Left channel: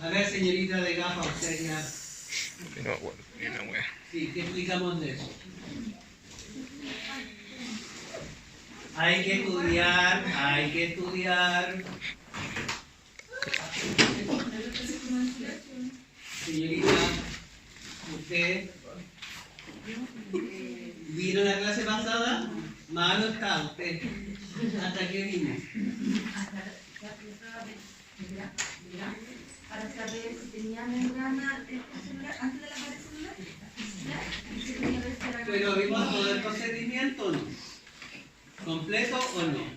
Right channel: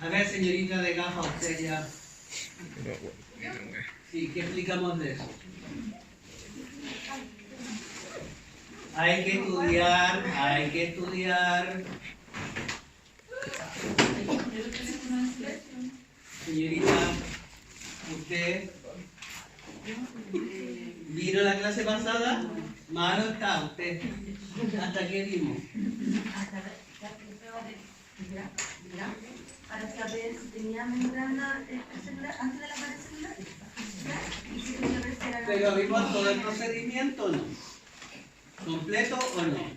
A ver, señorita de gafa, usted ya... Pero, bueno, mira, wea. Sí, ¿qué explicamos de eso? Hay que estudiar, hay que estudiar. Señorita, usted vino la clase pasada, malo está usted. ¿Hasta qué vimos? Para saber si tenía membrana celular antes de la pared celular. Pero vimos todo el procedimiento o no. ¿Completo o no?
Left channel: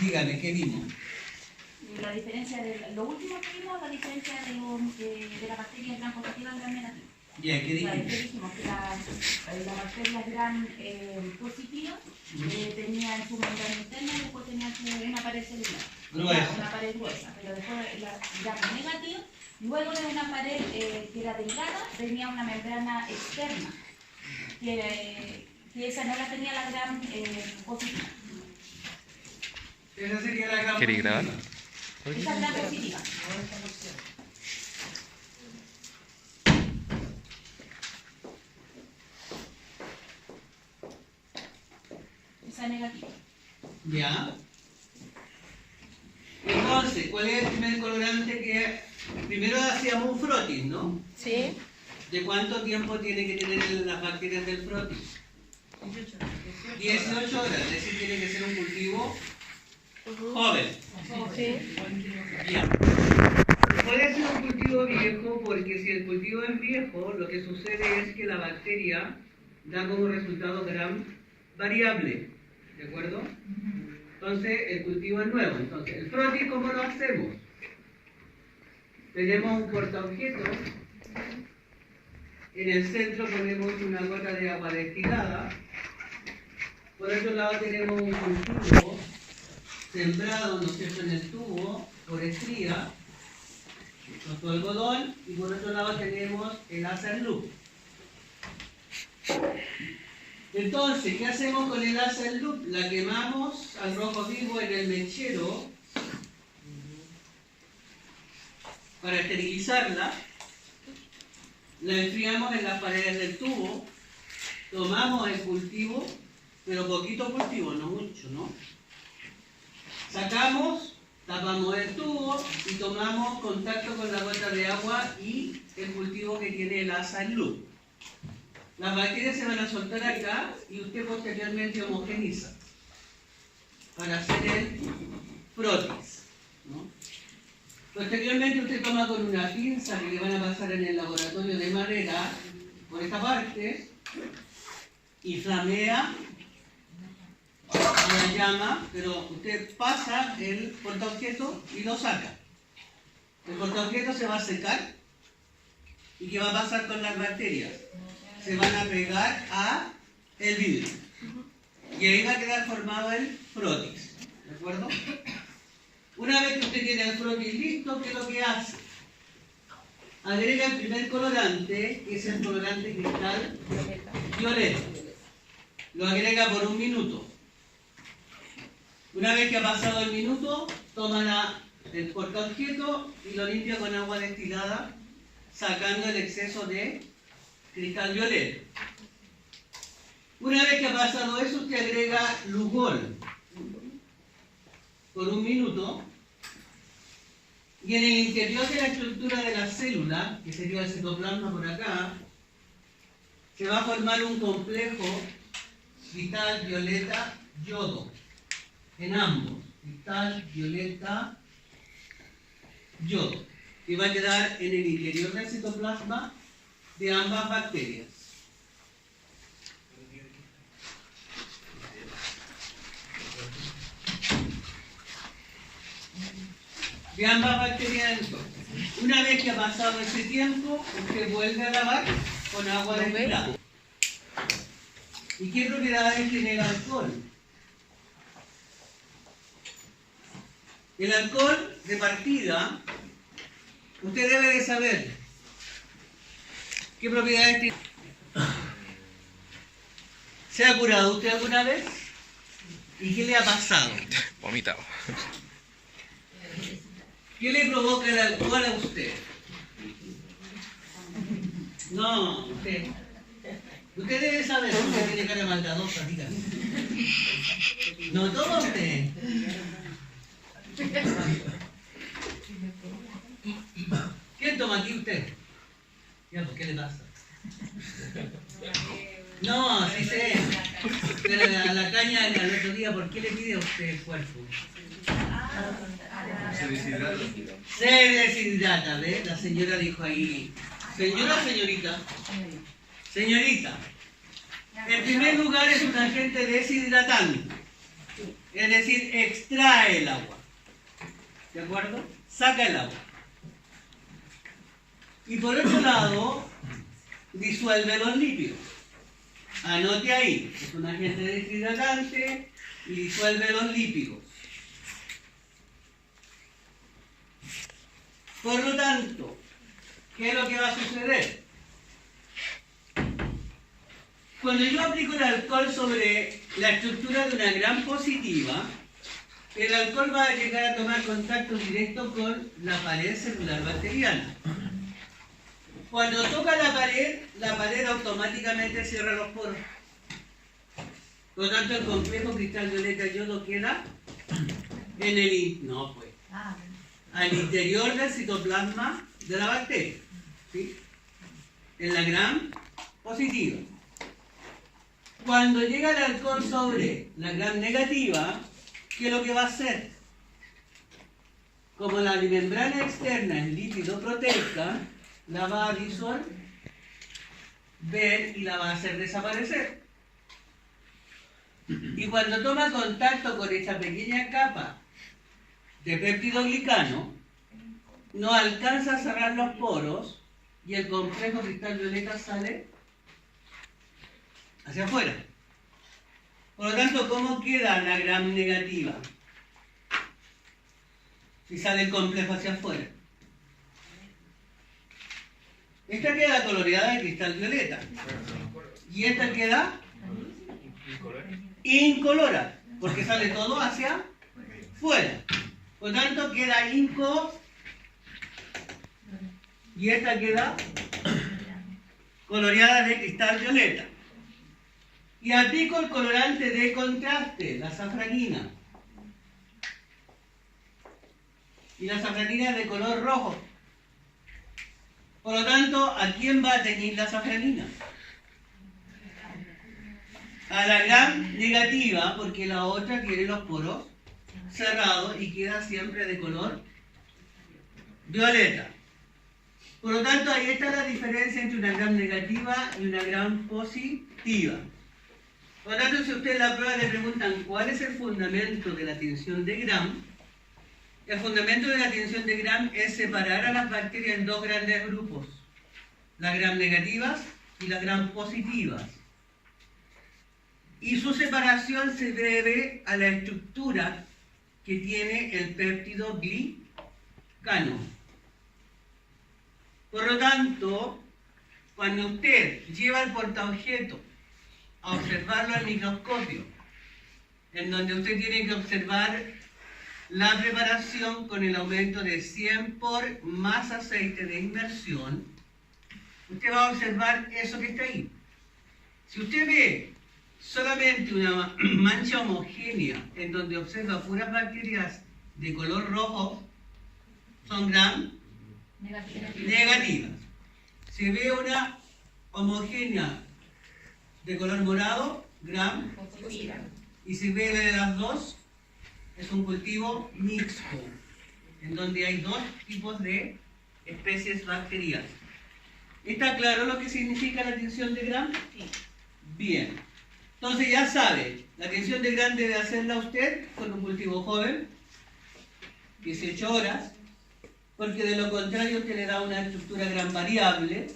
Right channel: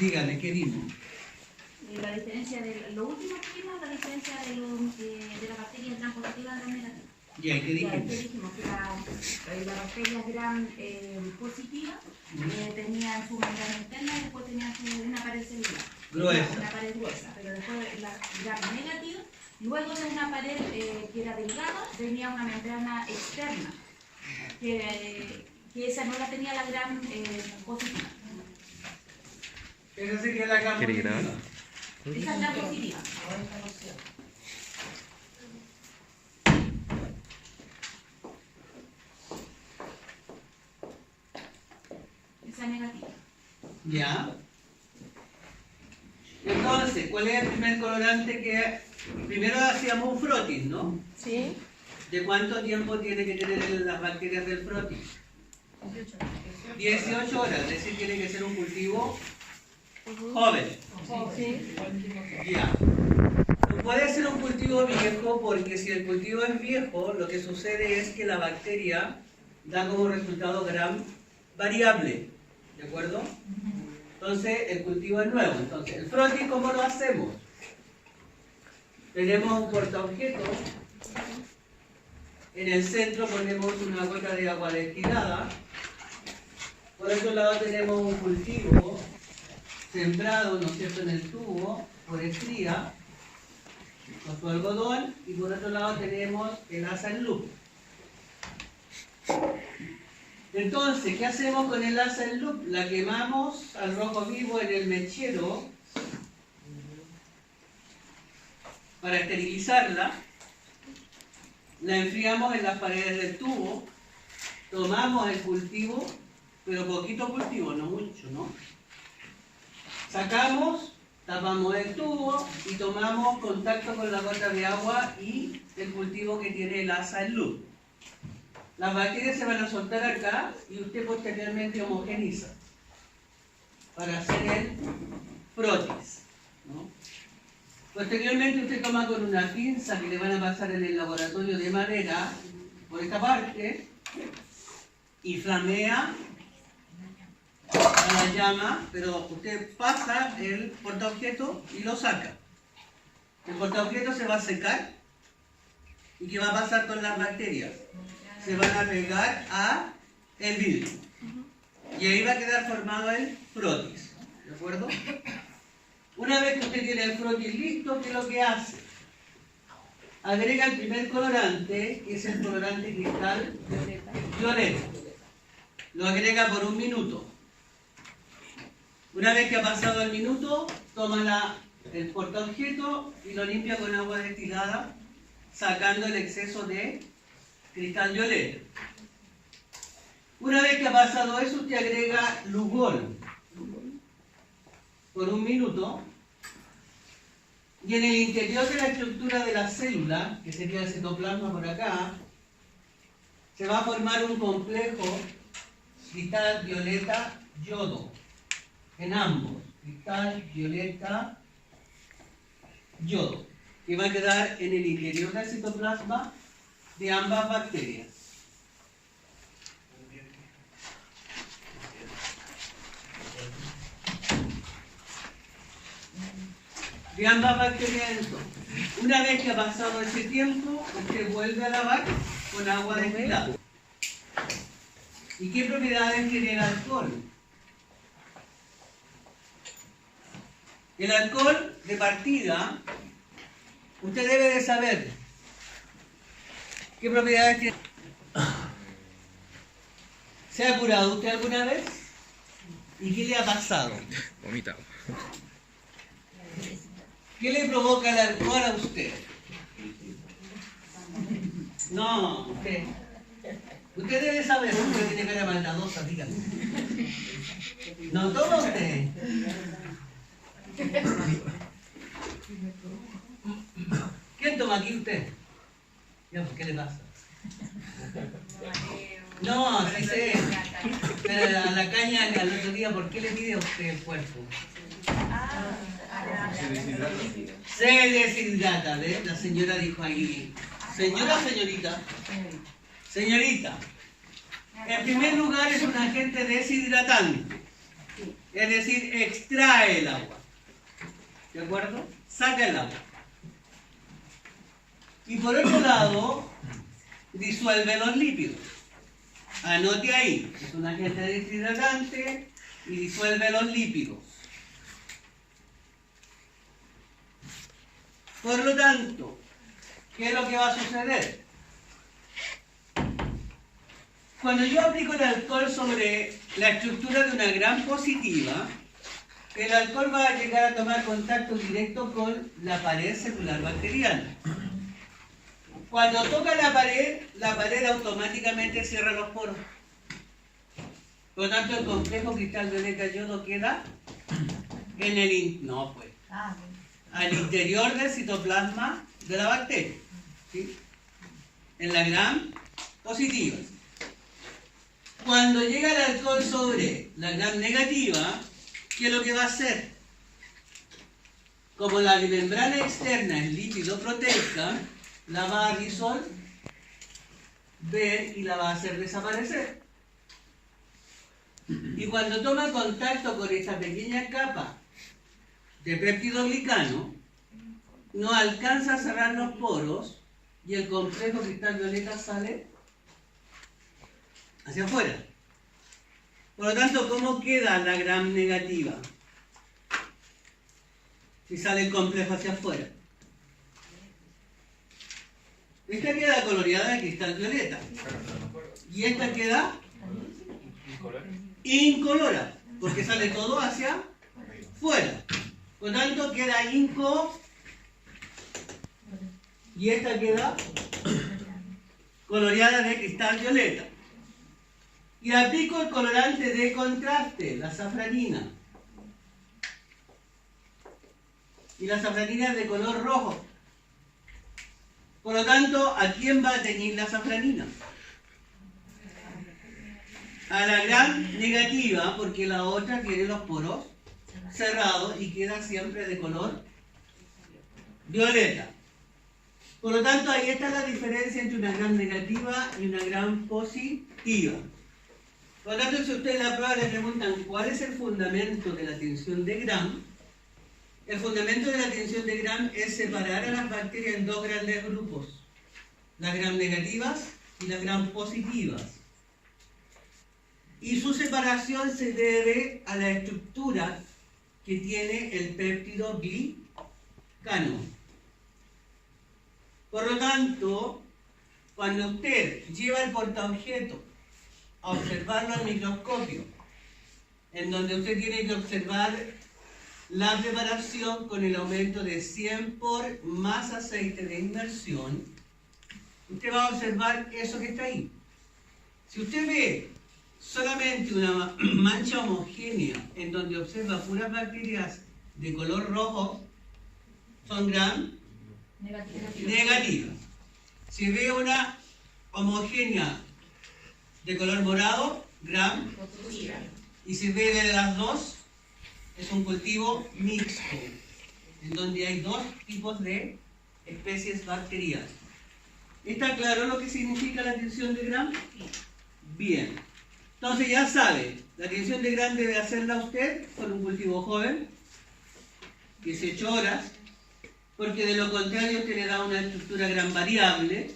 Dígame, ¿qué vimos? La diferencia de lo último que vimos, la diferencia de la bacteria gram positiva y gram negativa. Ya, ¿qué dijimos? Dijimos que las bacterias gram positivas tenían su membrana interna y después tenían una pared celular. Gruesa. Una pared gruesa, pero después la gram negativa, luego de una pared que era delgada, tenía una membrana externa, que esa no la tenía la gram positiva. Esa sería la gram ¿Queréis grabar? Esa es la positiva. Esa negativa. Ya. Entonces, ¿cuál es el primer colorante que... Primero hacíamos un frotis, ¿no? Sí. ¿De cuánto tiempo tiene que tener las bacterias del frotis? 18 horas, es decir, tiene que ser un cultivo joven. Sí. Ya. Puede ser un cultivo viejo porque si el cultivo es viejo, lo que sucede es que la bacteria da como resultado gram variable. ¿De acuerdo? Entonces, el cultivo es nuevo. Entonces, el frotis, ¿cómo lo hacemos? Tenemos un portaobjeto. En el centro ponemos una gota de agua destilada. Por otro lado tenemos un cultivo sembrado, ¿no es cierto?, en el tubo por estría, con su algodón, y por otro lado tenemos el asa en loop. Entonces, ¿qué hacemos con el asa en loop? La quemamos al rojo vivo en el mechero para esterilizarla, la enfriamos en las paredes del tubo, tomamos el cultivo, pero poquito cultivo, no mucho, ¿no? Sacamos, tapamos el tubo y tomamos contacto con la gota de agua y el cultivo que tiene el asa en loop. Las bacterias se van a soltar acá y usted posteriormente homogeniza para hacer el frotis, ¿no? Posteriormente usted toma con una pinza que le van a pasar en el laboratorio de madera por esta parte y flamea a la llama, pero usted pasa el portaobjeto y lo saca. El portaobjeto se va a secar y ¿qué va a pasar con las bacterias? Se van a pegar a el vidrio y ahí va a quedar formado el frotis, ¿de acuerdo? Una vez que usted tiene el frotis listo, ¿qué es lo que hace? Agrega el primer colorante, que es el colorante cristal violeta. Lo agrega por 1 minuto. Una vez que ha pasado el minuto, toma el portaobjeto y lo limpia con agua destilada, sacando el exceso de cristal violeta. Una vez que ha pasado eso, usted agrega Lugol por 1 minuto y en el interior de la estructura de la célula, que sería el citoplasma por acá, se va a formar un complejo cristal violeta yodo en ambos, cristal violeta yodo, que va a quedar en el interior del citoplasma de ambas bacterias. De ambas bacterias entonces. Una vez que ha pasado ese tiempo, usted vuelve a lavar con agua destilada. ¿Y qué propiedades tiene el alcohol? El alcohol de partida, usted debe de saber qué propiedades tiene. ¿Se ha curado usted alguna vez? ¿Y qué le ha pasado? Vomitado. ¿Qué le provoca el alcohol a usted? No, usted. Usted debe saber, porque tiene cara maldadosa, dígame. No toma usted. ¿Quién toma aquí usted? Ya, ¿por qué le pasa? No, sí sé. Pero a la caña al otro día, ¿por qué le pide a usted el cuerpo? Se deshidrata, ¿ves? La señora dijo ahí. ¿Señora o señorita? Señorita. En primer lugar es un agente deshidratante. Es decir, extrae el agua. ¿De acuerdo? Saca el agua. Y por otro lado, disuelve los lípidos. Anote ahí, es un agente deshidratante y disuelve los lípidos. Por lo tanto, ¿qué es lo que va a suceder? Cuando yo aplico el alcohol sobre la estructura de una gram positiva, el alcohol va a llegar a tomar contacto directo con la pared celular bacteriana. Cuando toca la pared automáticamente cierra los poros. Por lo tanto, el complejo cristal violeta yodo queda en el al interior del citoplasma de la bacteria, ¿sí? En la gram positiva. Cuando llega el alcohol sobre la gram negativa, ¿qué es lo que va a hacer? Como la membrana externa es lípido proteica, la va a disolver y la va a hacer desaparecer. Y cuando toma contacto con esta pequeña capa de péptidoglicano, no alcanza a cerrar los poros y el complejo cristal violeta sale hacia afuera. Por lo tanto, ¿cómo queda la gram negativa? Si sale el complejo hacia afuera. Esta queda coloreada de cristal violeta. Y esta queda incolora, porque sale todo hacia fuera. Por lo tanto, queda inco y esta queda coloreada de cristal violeta. Y aplico el colorante de contraste, la safranina. Y la safranina es de color rojo. Por lo tanto, ¿a quién va a teñir la safranina? A la gram negativa, porque la otra tiene los poros cerrados y queda siempre de color violeta. Por lo tanto, ahí está la diferencia entre una gram negativa y una gram positiva. Por lo tanto, si usted en la prueba le preguntan cuál es el fundamento de la tinción de gram, el fundamento de la tinción de gram es separar a las bacterias en dos grandes grupos, las gram negativas y las gram positivas. Y su separación se debe a la estructura que tiene el péptido glicano. Por lo tanto, cuando usted lleva el portaobjeto a observarlo al microscopio, en donde usted tiene que observar la preparación con el aumento de 100 por más aceite de inmersión, usted va a observar eso que está ahí. Si usted ve solamente una mancha homogénea en donde observa puras bacterias de color rojo, son gram negativas. Si ve una homogénea de color morado, gram positiva. Y si ve de las dos, es un cultivo mixto, en donde hay dos tipos de especies bacterianas. ¿Está claro lo que significa la tinción de gram? Bien. Entonces ya sabe, la tinción de gram debe hacerla usted con un cultivo joven, 18 horas, porque de lo contrario usted le da una estructura gram variable,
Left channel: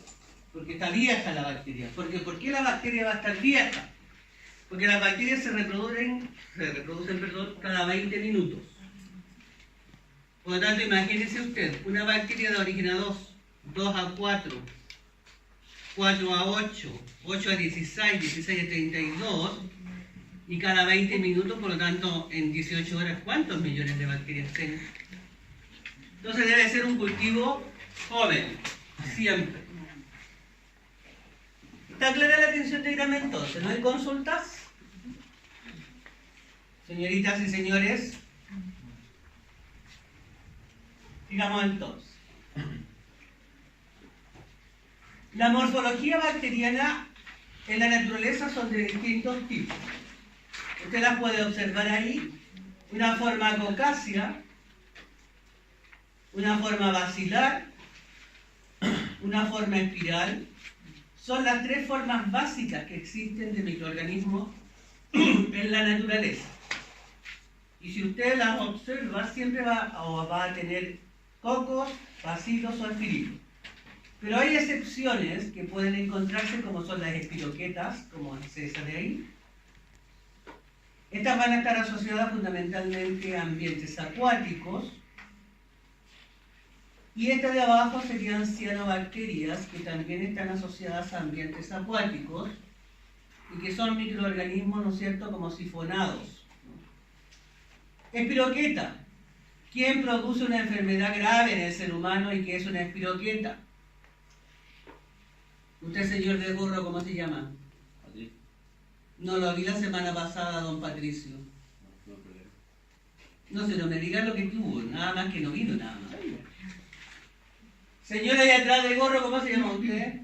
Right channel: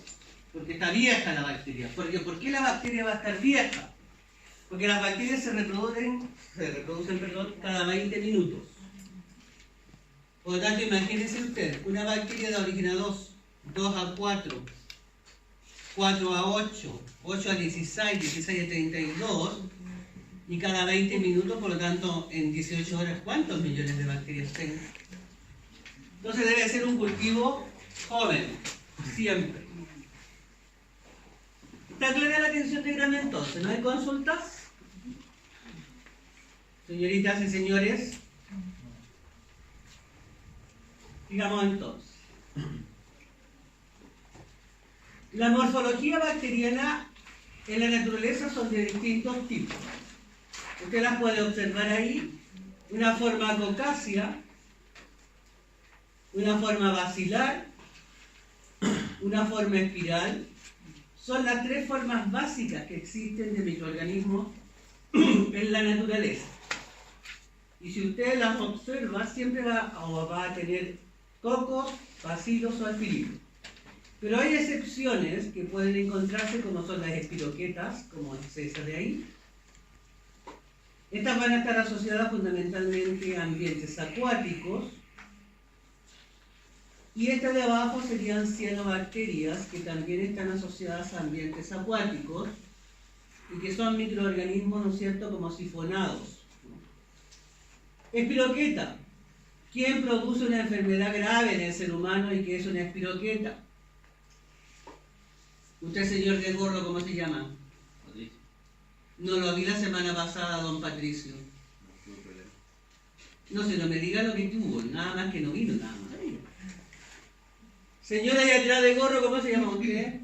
porque está vieja la bacteria. ¿Por qué la bacteria va a estar vieja? Porque las bacterias se reproducen cada 20 minutos. Por lo tanto, imagínese usted, una bacteria da origen a 2, 2 a 4, 4 a 8, 8 a 16, 16 a 32, Y cada 20 minutos, por lo tanto, en 18 horas, ¿cuántos millones de bacterias tengo? Entonces debe ser un cultivo joven, siempre. ¿Está clara la atención de grano entonces? ¿No hay consultas? Señoritas y señores, digamos entonces. La morfología bacteriana en la naturaleza son de distintos tipos. Usted las puede observar ahí. Una forma cocácea, una forma basilar, una forma espiral. Son las tres formas básicas que existen de microorganismos en la naturaleza. Y si usted las observa, siempre va a tener cocos, bacilos o aspirilos. Pero hay excepciones que pueden encontrarse, como son las espiroquetas, como se ve ahí. Estas van a estar asociadas fundamentalmente a ambientes acuáticos. Y estas de abajo serían cianobacterias, que también están asociadas a ambientes acuáticos y que son microorganismos, ¿no es cierto?, como sifonados. Espiroqueta. ¿Quién produce una enfermedad grave en el ser humano y qué es una espiroqueta? Usted, señor de gorro, ¿cómo se llama? Patricio. No lo vi la semana pasada, don Patricio. No se no me diga lo que tuvo, nada más que no vino nada más. Señora ahí atrás de gorro, ¿cómo se llama usted?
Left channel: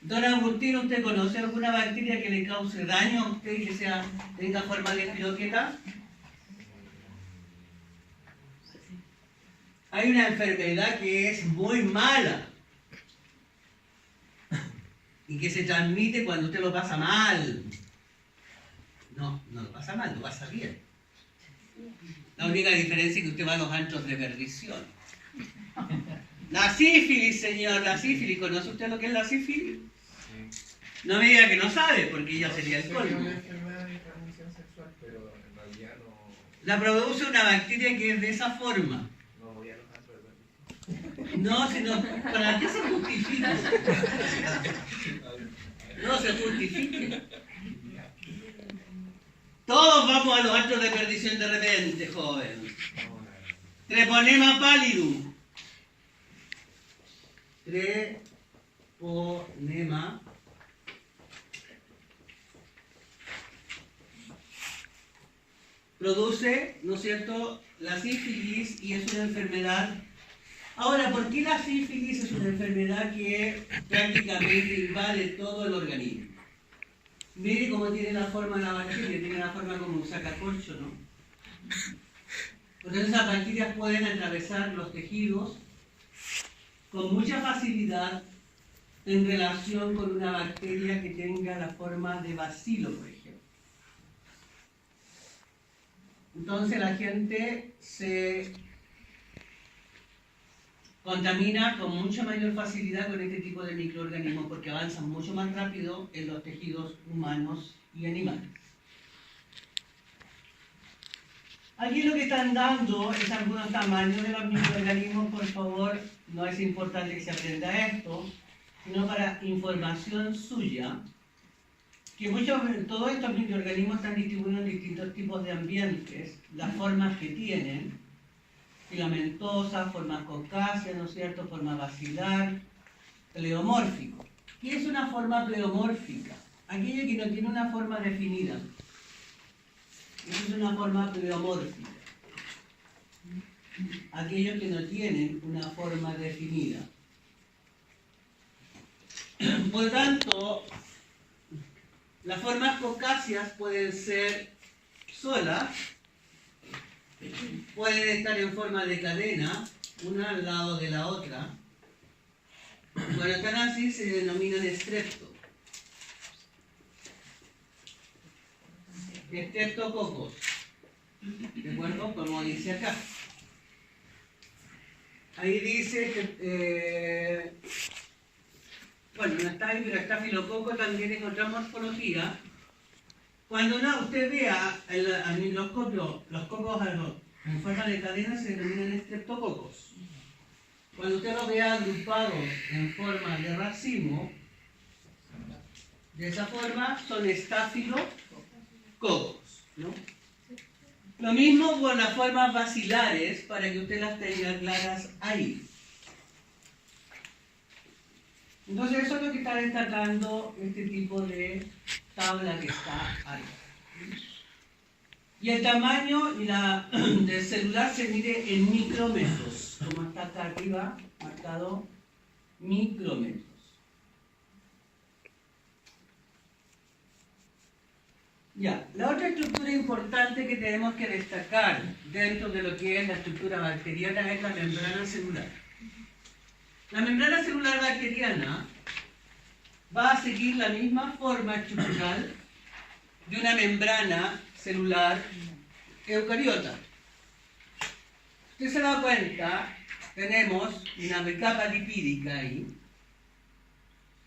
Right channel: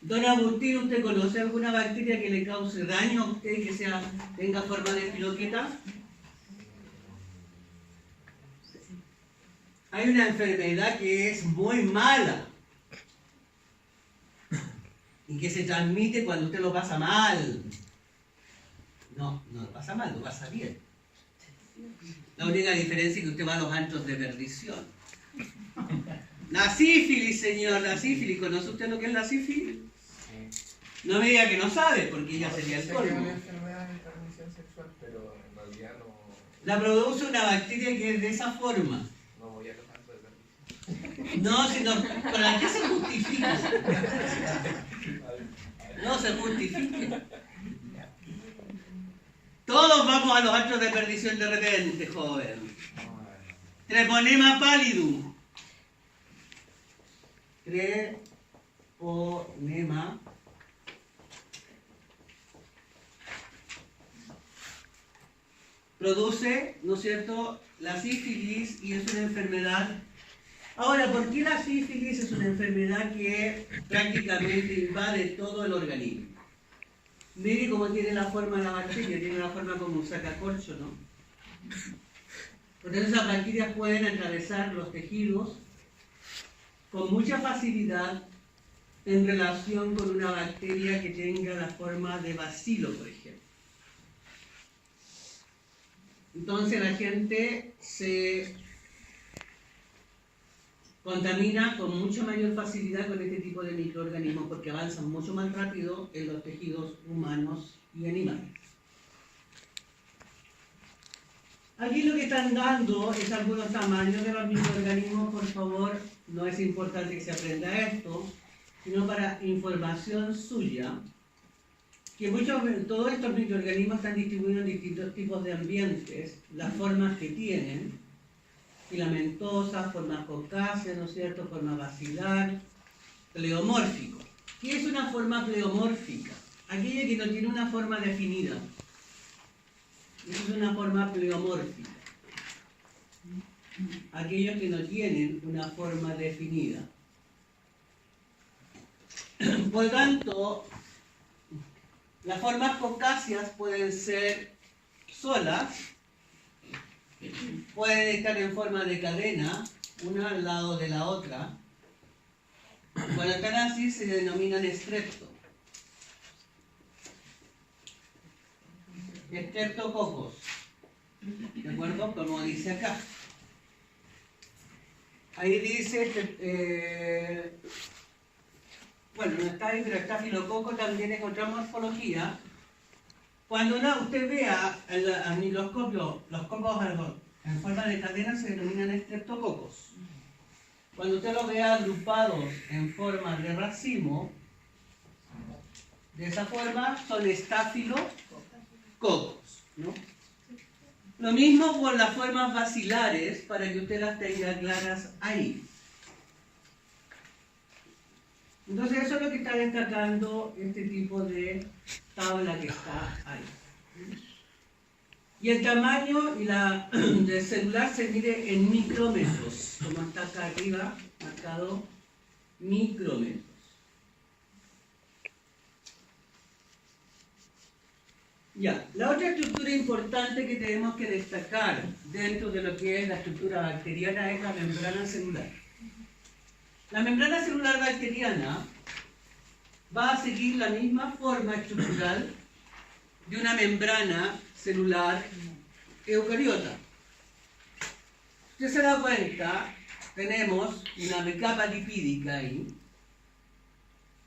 Don Agustín, ¿usted conoce alguna bacteria que le cause daño a usted y que tenga forma de espiroqueta? Hay una enfermedad que es muy mala y que se transmite cuando usted lo pasa mal. No, no lo pasa mal, lo pasa bien. La única diferencia es que usted va a los antros de perdición. La sífilis, señor, la sífilis. ¿Conoce usted lo que es la sífilis? No me diga que no sabe, porque ya sería el colmo. La produce una bacteria que es de esa forma. No, sino, ¿para qué se justifica? No se justifique. Todos vamos a los actos de perdición de repente, joven. Treponema pallidum. Treponema. Produce, ¿no es cierto?, la sífilis y es una enfermedad. Ahora, ¿por qué la sífilis es una enfermedad que prácticamente invade todo el organismo? Mire cómo tiene la forma de la bacteria, tiene la forma como un sacacorcho, ¿no? Entonces esas bacterias pueden atravesar los tejidos con mucha facilidad en relación con una bacteria que tenga la forma de bacilo, por ejemplo. Entonces la gente se contamina con mucha mayor facilidad con este tipo de microorganismos porque avanzan mucho más rápido en los tejidos humanos y animales. Aquí lo que están dando es algunos tamaños de los microorganismos. Por favor, no es importante que se aprenda esto, sino para información suya, que todos estos microorganismos están distribuidos en distintos tipos de ambientes, las formas que tienen, filamentosas, formas cocáceas, ¿no es cierto?, forma basilar, pleomórfico. ¿Qué es una forma pleomórfica? Aquella que no tiene una forma definida. Eso es una forma pleomórfica. Aquellos que no tienen una forma definida. Por lo tanto, las formas cocáceas pueden ser solas, pueden estar en forma de cadena, una al lado de la otra. Cuando están así se denominan estrepto. Estreptococos. ¿De acuerdo? Como dice acá. Ahí dice que, bueno, no está ahí, pero estafilococo también es otra morfología. Cuando usted vea al microscopio los cocos en forma de cadena se denominan estreptococos. Cuando usted los vea agrupados en forma de racimo, De esa forma son estafilococos, ¿no? Lo mismo con las formas bacilares, para que usted las tenga claras ahí. Entonces eso es lo que está destacando este tipo de tabla que está ahí. Y el tamaño del celular se mide en micrómetros, como está acá arriba, marcado micrómetros. Ya, la otra estructura importante que tenemos que destacar dentro de lo que es la estructura bacteriana es la membrana celular. La membrana celular bacteriana va a seguir la misma forma estructural de una membrana celular eucariota. Usted se da cuenta, tenemos una capa lipídica ahí,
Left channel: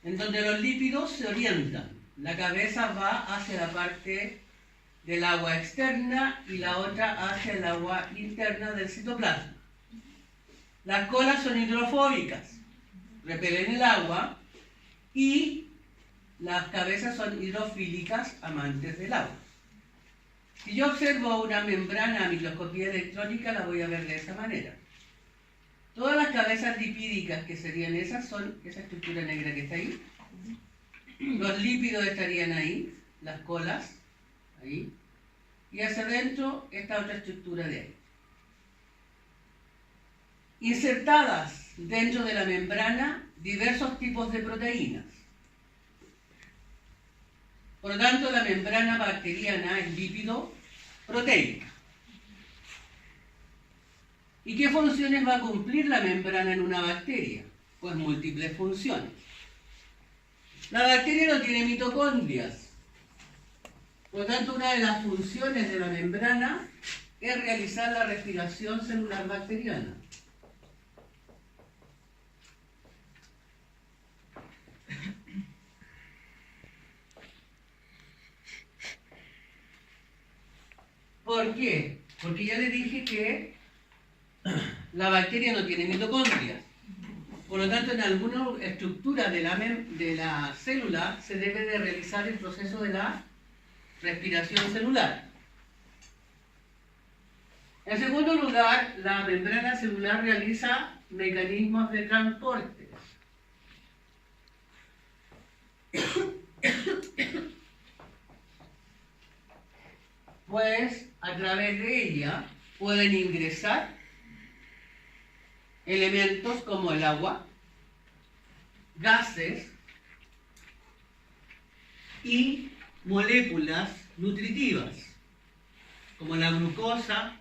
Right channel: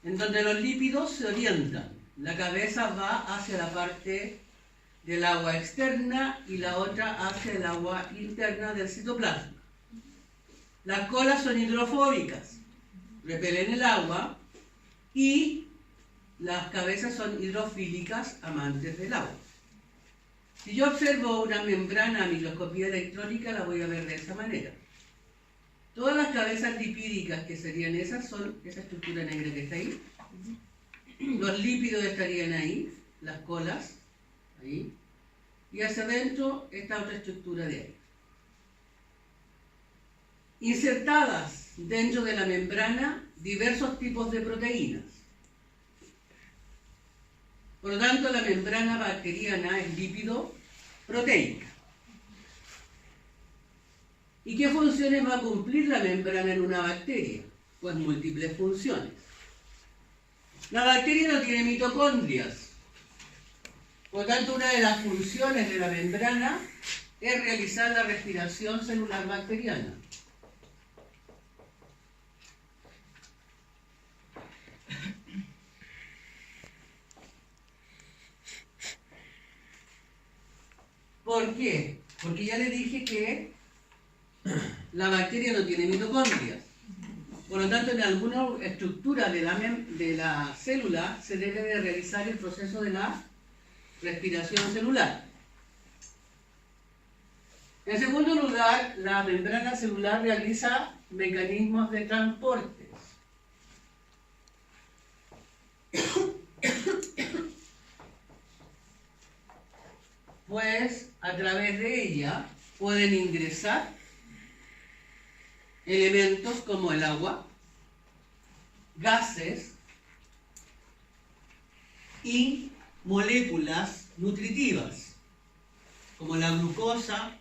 en donde los lípidos se orientan. La cabeza va hacia la parte del agua externa y la otra hacia el agua interna del citoplasma. Las colas son hidrofóbicas, repelen el agua, y las cabezas son hidrofílicas, amantes del agua. Si yo observo una membrana a microscopía electrónica, la voy a ver de esa manera. Todas las cabezas lipídicas que serían esas son esa estructura negra que está ahí. Los lípidos estarían ahí, las colas, ahí, y hacia adentro esta otra estructura de ahí. Insertadas dentro de la membrana diversos tipos de proteínas. Por lo tanto, la membrana bacteriana es lípido-proteica. ¿Y qué funciones va a cumplir la membrana en una bacteria? Pues múltiples funciones. La bacteria no tiene mitocondrias. Por lo tanto, una de las funciones de la membrana es realizar la respiración celular bacteriana. ¿Por qué? Porque ya le dije que la bacteria no tiene mitocondrias. Por lo tanto, en alguna estructura de la célula se debe de realizar el proceso de la respiración celular. En segundo lugar, la membrana celular realiza mecanismos de transporte. Pues a través de ella pueden ingresar elementos como el agua, gases y moléculas nutritivas, como la glucosa,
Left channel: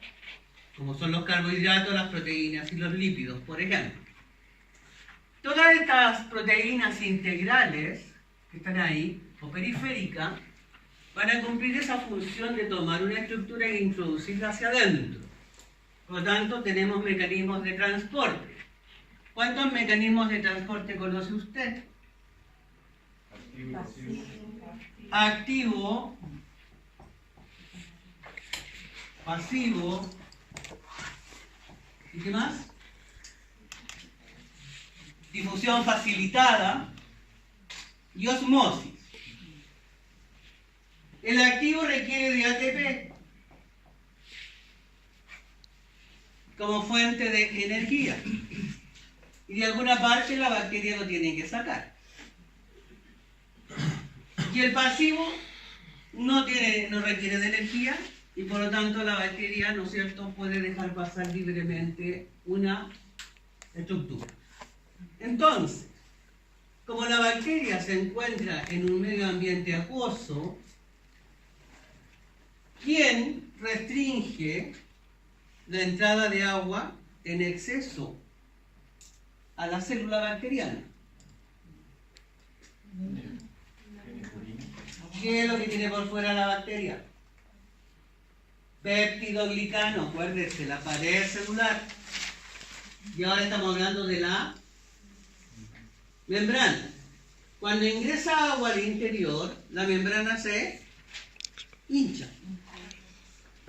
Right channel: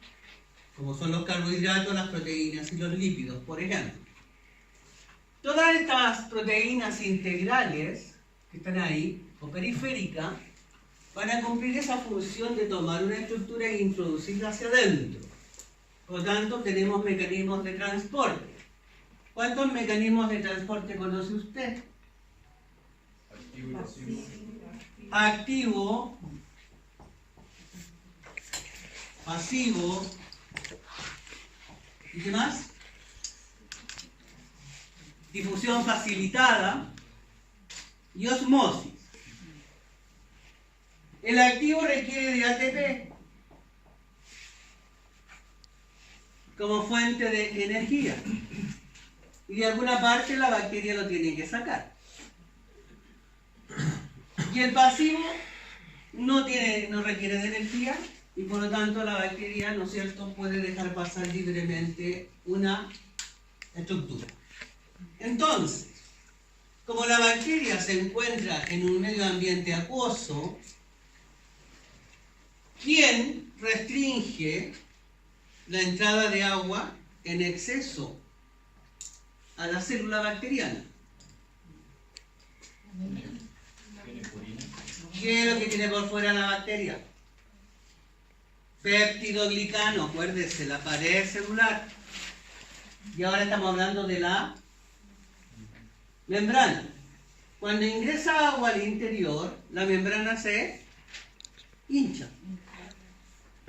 como son los carbohidratos, las proteínas y los lípidos, por ejemplo. Todas estas proteínas integrales que están ahí, o periféricas, van a cumplir esa función de tomar una estructura e introducirla hacia adentro. Por lo tanto, tenemos mecanismos de transporte. ¿Cuántos mecanismos de transporte conoce usted? Activo, pasivo, ¿y qué más? Difusión facilitada y osmosis. El activo requiere de ATP como fuente de energía, y de alguna parte la bacteria lo tiene que sacar. Y el pasivo no requiere de energía, y por lo tanto la bacteria, ¿no es cierto?, puede dejar pasar libremente una estructura. Entonces, como la bacteria se encuentra en un medio ambiente acuoso, ¿quién restringe la entrada de agua en exceso a la célula bacteriana? ¿Qué es lo que tiene por fuera la bacteria? Péptidoglicano, acuérdese, la pared celular. Y ahora estamos hablando de la membrana. Cuando ingresa agua al interior, la membrana se hincha.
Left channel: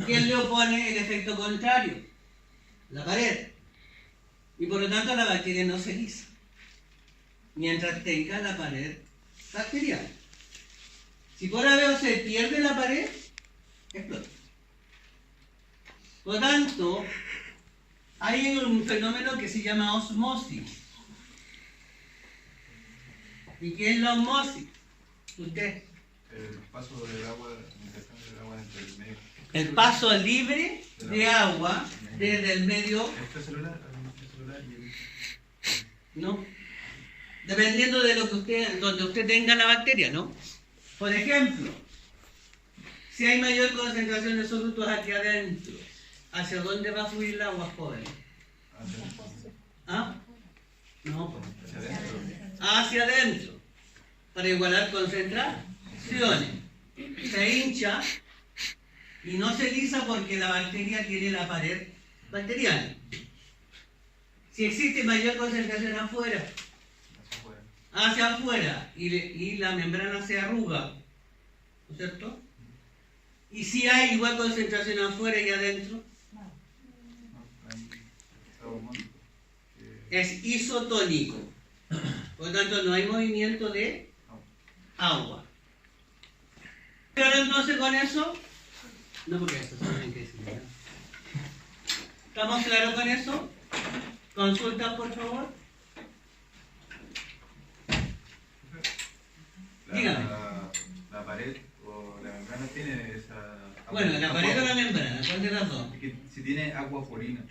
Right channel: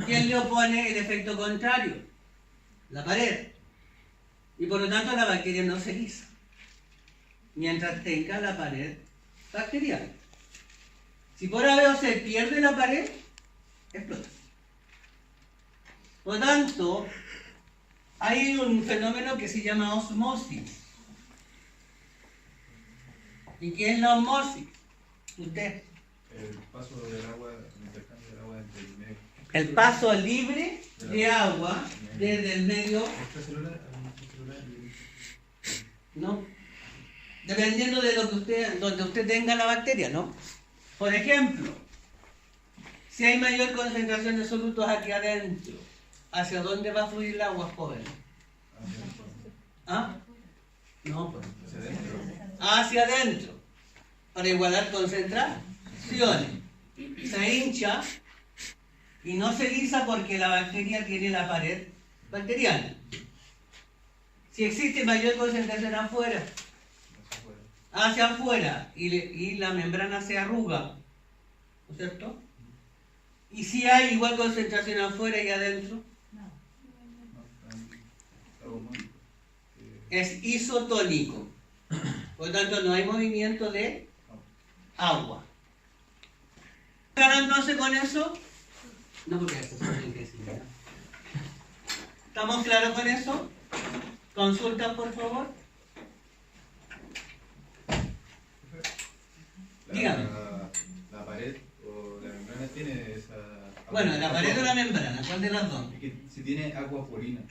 ¿Quién le opone el efecto contrario? La pared. Y por lo tanto la bacteria no se lisa mientras tenga la pared bacteriana. Si por A, B o C pierde la pared, explota. Por lo tanto, hay un fenómeno que se llama osmosis. ¿Y qué es la osmosis? Usted. El paso del agua, el intercambio del agua entre el medio. El paso libre de agua desde el medio, Este celular y ¿no? Dependiendo de lo que usted, donde usted tenga la bacteria, ¿no? Por ejemplo, si hay mayor concentración de solutos aquí adentro, ¿hacia dónde va a fluir el agua, joven? ¿Ah? No, pues. hacia adentro. Hacia adentro, para igualar concentraciones. Se hincha y no se lisa porque la bacteria tiene la pared bacteriana. Si existe mayor concentración afuera, hacia afuera, y la membrana se arruga, ¿no es cierto? Y si hay igual concentración afuera y adentro, es isotónico. Por lo tanto, no hay movimiento de agua. ¿Claro entonces con eso? No, porque eso tienen que decir. ¿Estamos claros con eso? Consulta, por favor. Dígame. La pared o la membrana tiene esa... Bueno, la pared o la membrana, ¿cuál de las dos? Es que si tiene agua porina,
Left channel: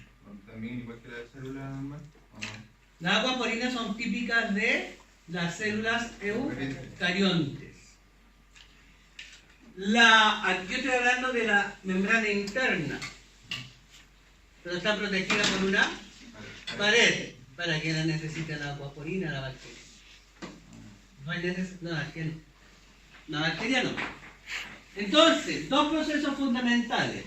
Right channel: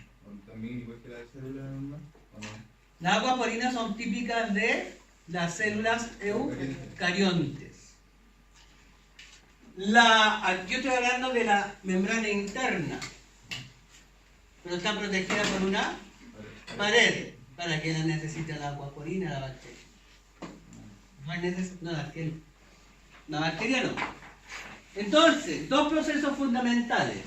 también igual que la célula normal, ¿o no? Las aguas porinas son típicas de las células eucariontes. Aquí estoy hablando de la membrana interna, pero está protegida por una pared. ¿Para que la necesita la agua porina la bacteria? No, la bacteria no. Entonces, dos procesos fundamentales.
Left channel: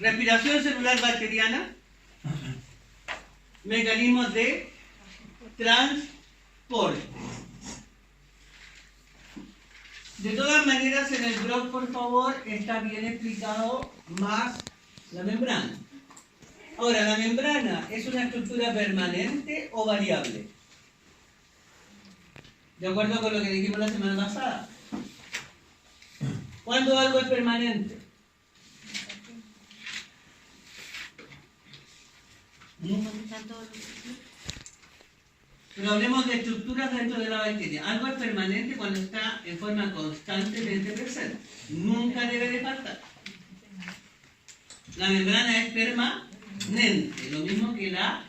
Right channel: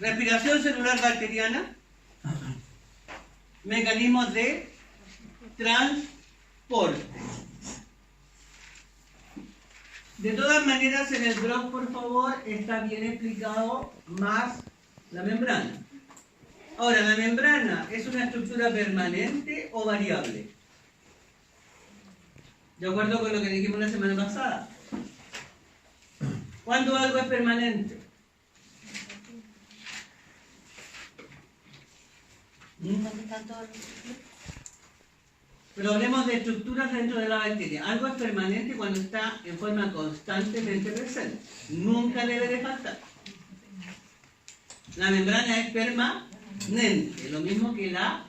Respiración celular bacteriana, mecanismos de transporte. De todas maneras, en el blog, por favor, está bien explicado más la membrana. Ahora, ¿la membrana es una estructura permanente o variable? De acuerdo con lo que dijimos la semana pasada. ¿Cuándo algo es permanente? Pero hablemos de estructuras dentro de la bacteria. Algo es permanente cuando está en forma constante dentro del célula. Nunca debe de faltar. La membrana es permanente, lo mismo que la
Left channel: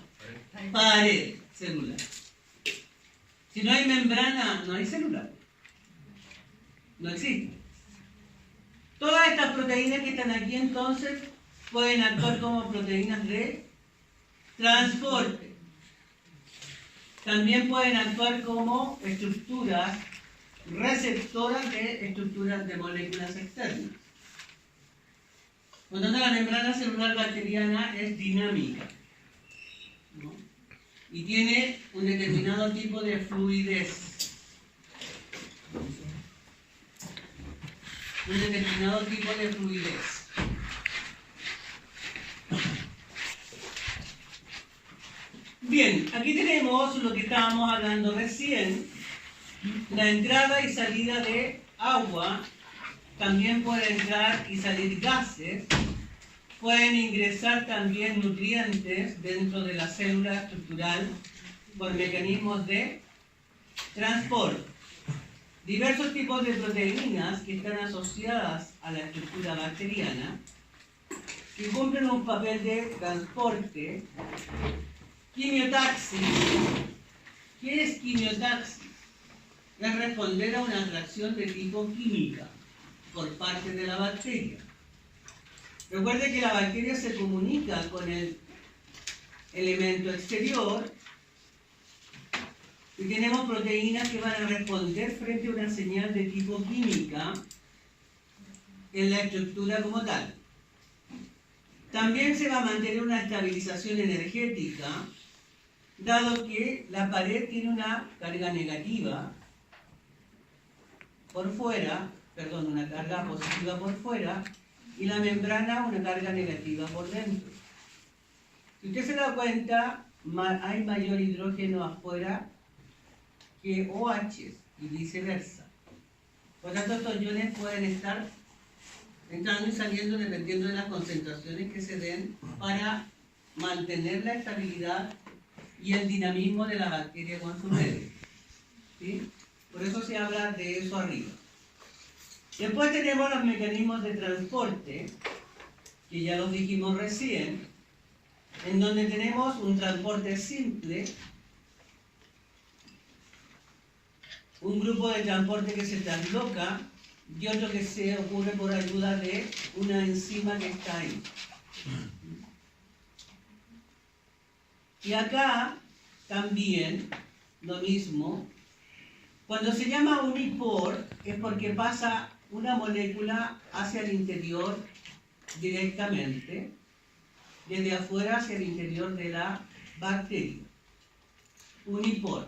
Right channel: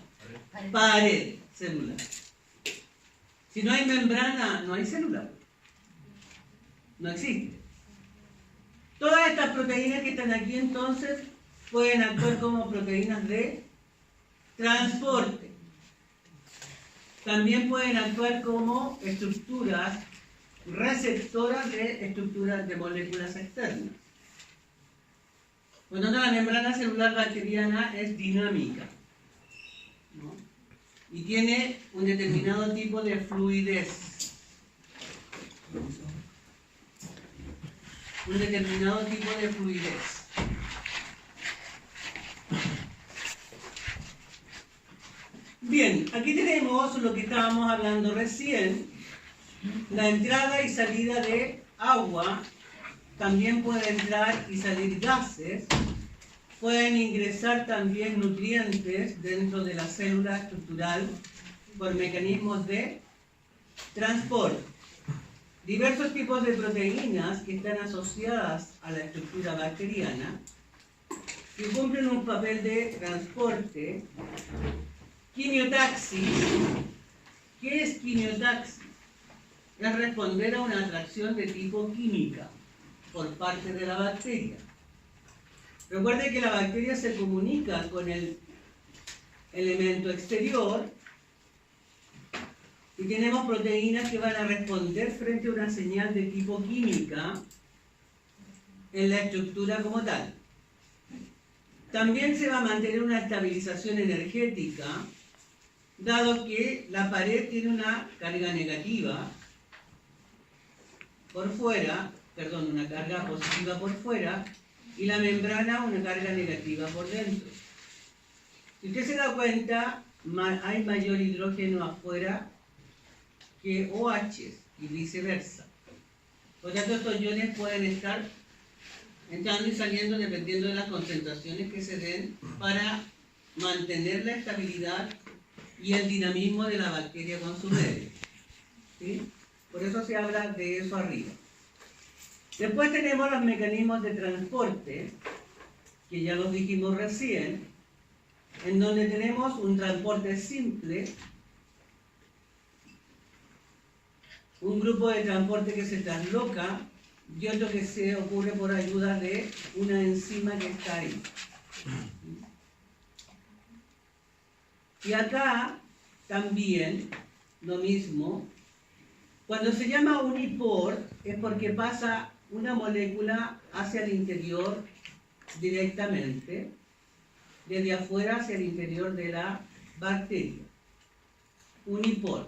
pared celular. Si no hay membrana, no hay célula. No existe. Todas estas proteínas que están aquí entonces pueden actuar como proteínas de transporte. También pueden actuar como estructuras receptoras de estructuras de moléculas externas. Por lo tanto, la membrana celular bacteriana es dinámica, ¿no? Y tiene un determinado tipo de fluidez. Un determinado tipo de fluidez. Bien, aquí tenemos lo que estábamos hablando recién, la entrada y salida de agua. También puede entrar y salir gases, pueden ingresar también nutrientes dentro de la célula estructural por mecanismos de transporte. Diversos tipos de proteínas que están asociadas a la estructura bacteriana, que cumplen un papel de transporte. Quimiotaxis. ¿Qué es quimiotaxis? Es responder a una atracción de tipo química por parte de la bacteria. Recuerde que la bacteria se comunica con el elemento exterior y tenemos proteínas que van a responder frente a una señal de tipo química en la estructura como tal. También se va a mantener una estabilización energética, dado que la pared tiene una carga negativa por fuera, una carga positiva por fuera, y la membrana una carga negativa por dentro. Si usted se da cuenta, hay mayor hidrógeno afuera que OH y viceversa. Por lo tanto, estos iones pueden estar entrando y saliendo dependiendo de las concentraciones que se den para mantener la estabilidad y el dinamismo de la bacteria con su medio. ¿Sí? Por eso se habla de eso arriba. Después tenemos los mecanismos de transporte, que ya los dijimos recién, en donde tenemos un transporte simple, un grupo de transporte que se transloca y otro que se ocurre por ayuda de una enzima que está ahí. Y acá también lo mismo. Cuando se llama uniport es porque pasa una molécula hacia el interior directamente, desde afuera hacia el interior de la bacteria. Uniport.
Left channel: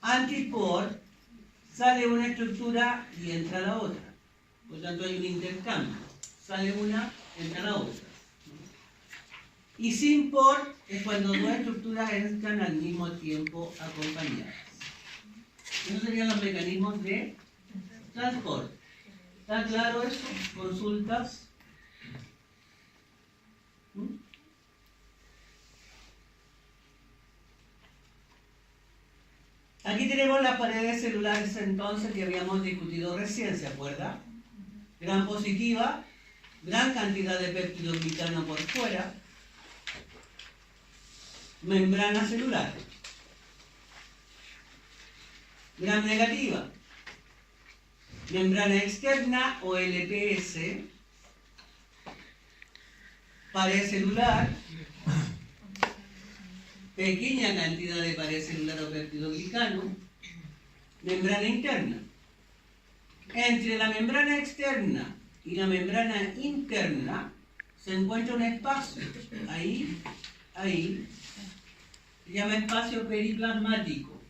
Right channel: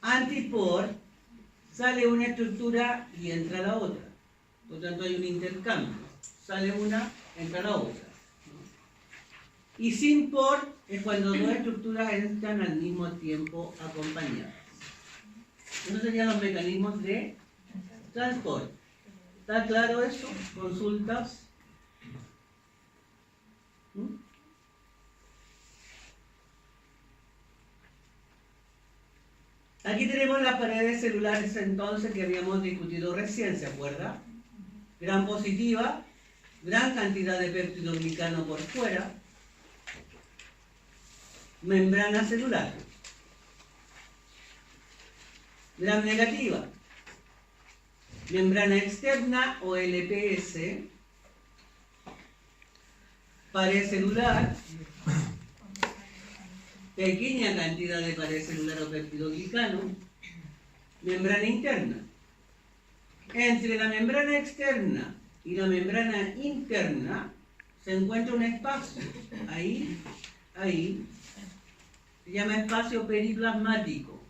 Antiport, sale una estructura y entra la otra. Por lo tanto hay un intercambio. Sale una, entra la otra. Y sin port es cuando dos estructuras entran al mismo tiempo acompañadas. Esos serían los mecanismos de transporte. ¿Está claro eso? ¿Consultas? Aquí tenemos las paredes celulares entonces que habíamos discutido recién, ¿se acuerda? Gran positiva, gran cantidad de peptidoglicano por fuera, membrana celular. Gran negativa, membrana externa o LPS, pared celular, pequeña cantidad de pared celular o peptidoglicano, membrana interna. Entre la membrana externa y la membrana interna se encuentra un espacio, ahí, se llama espacio periplasmático.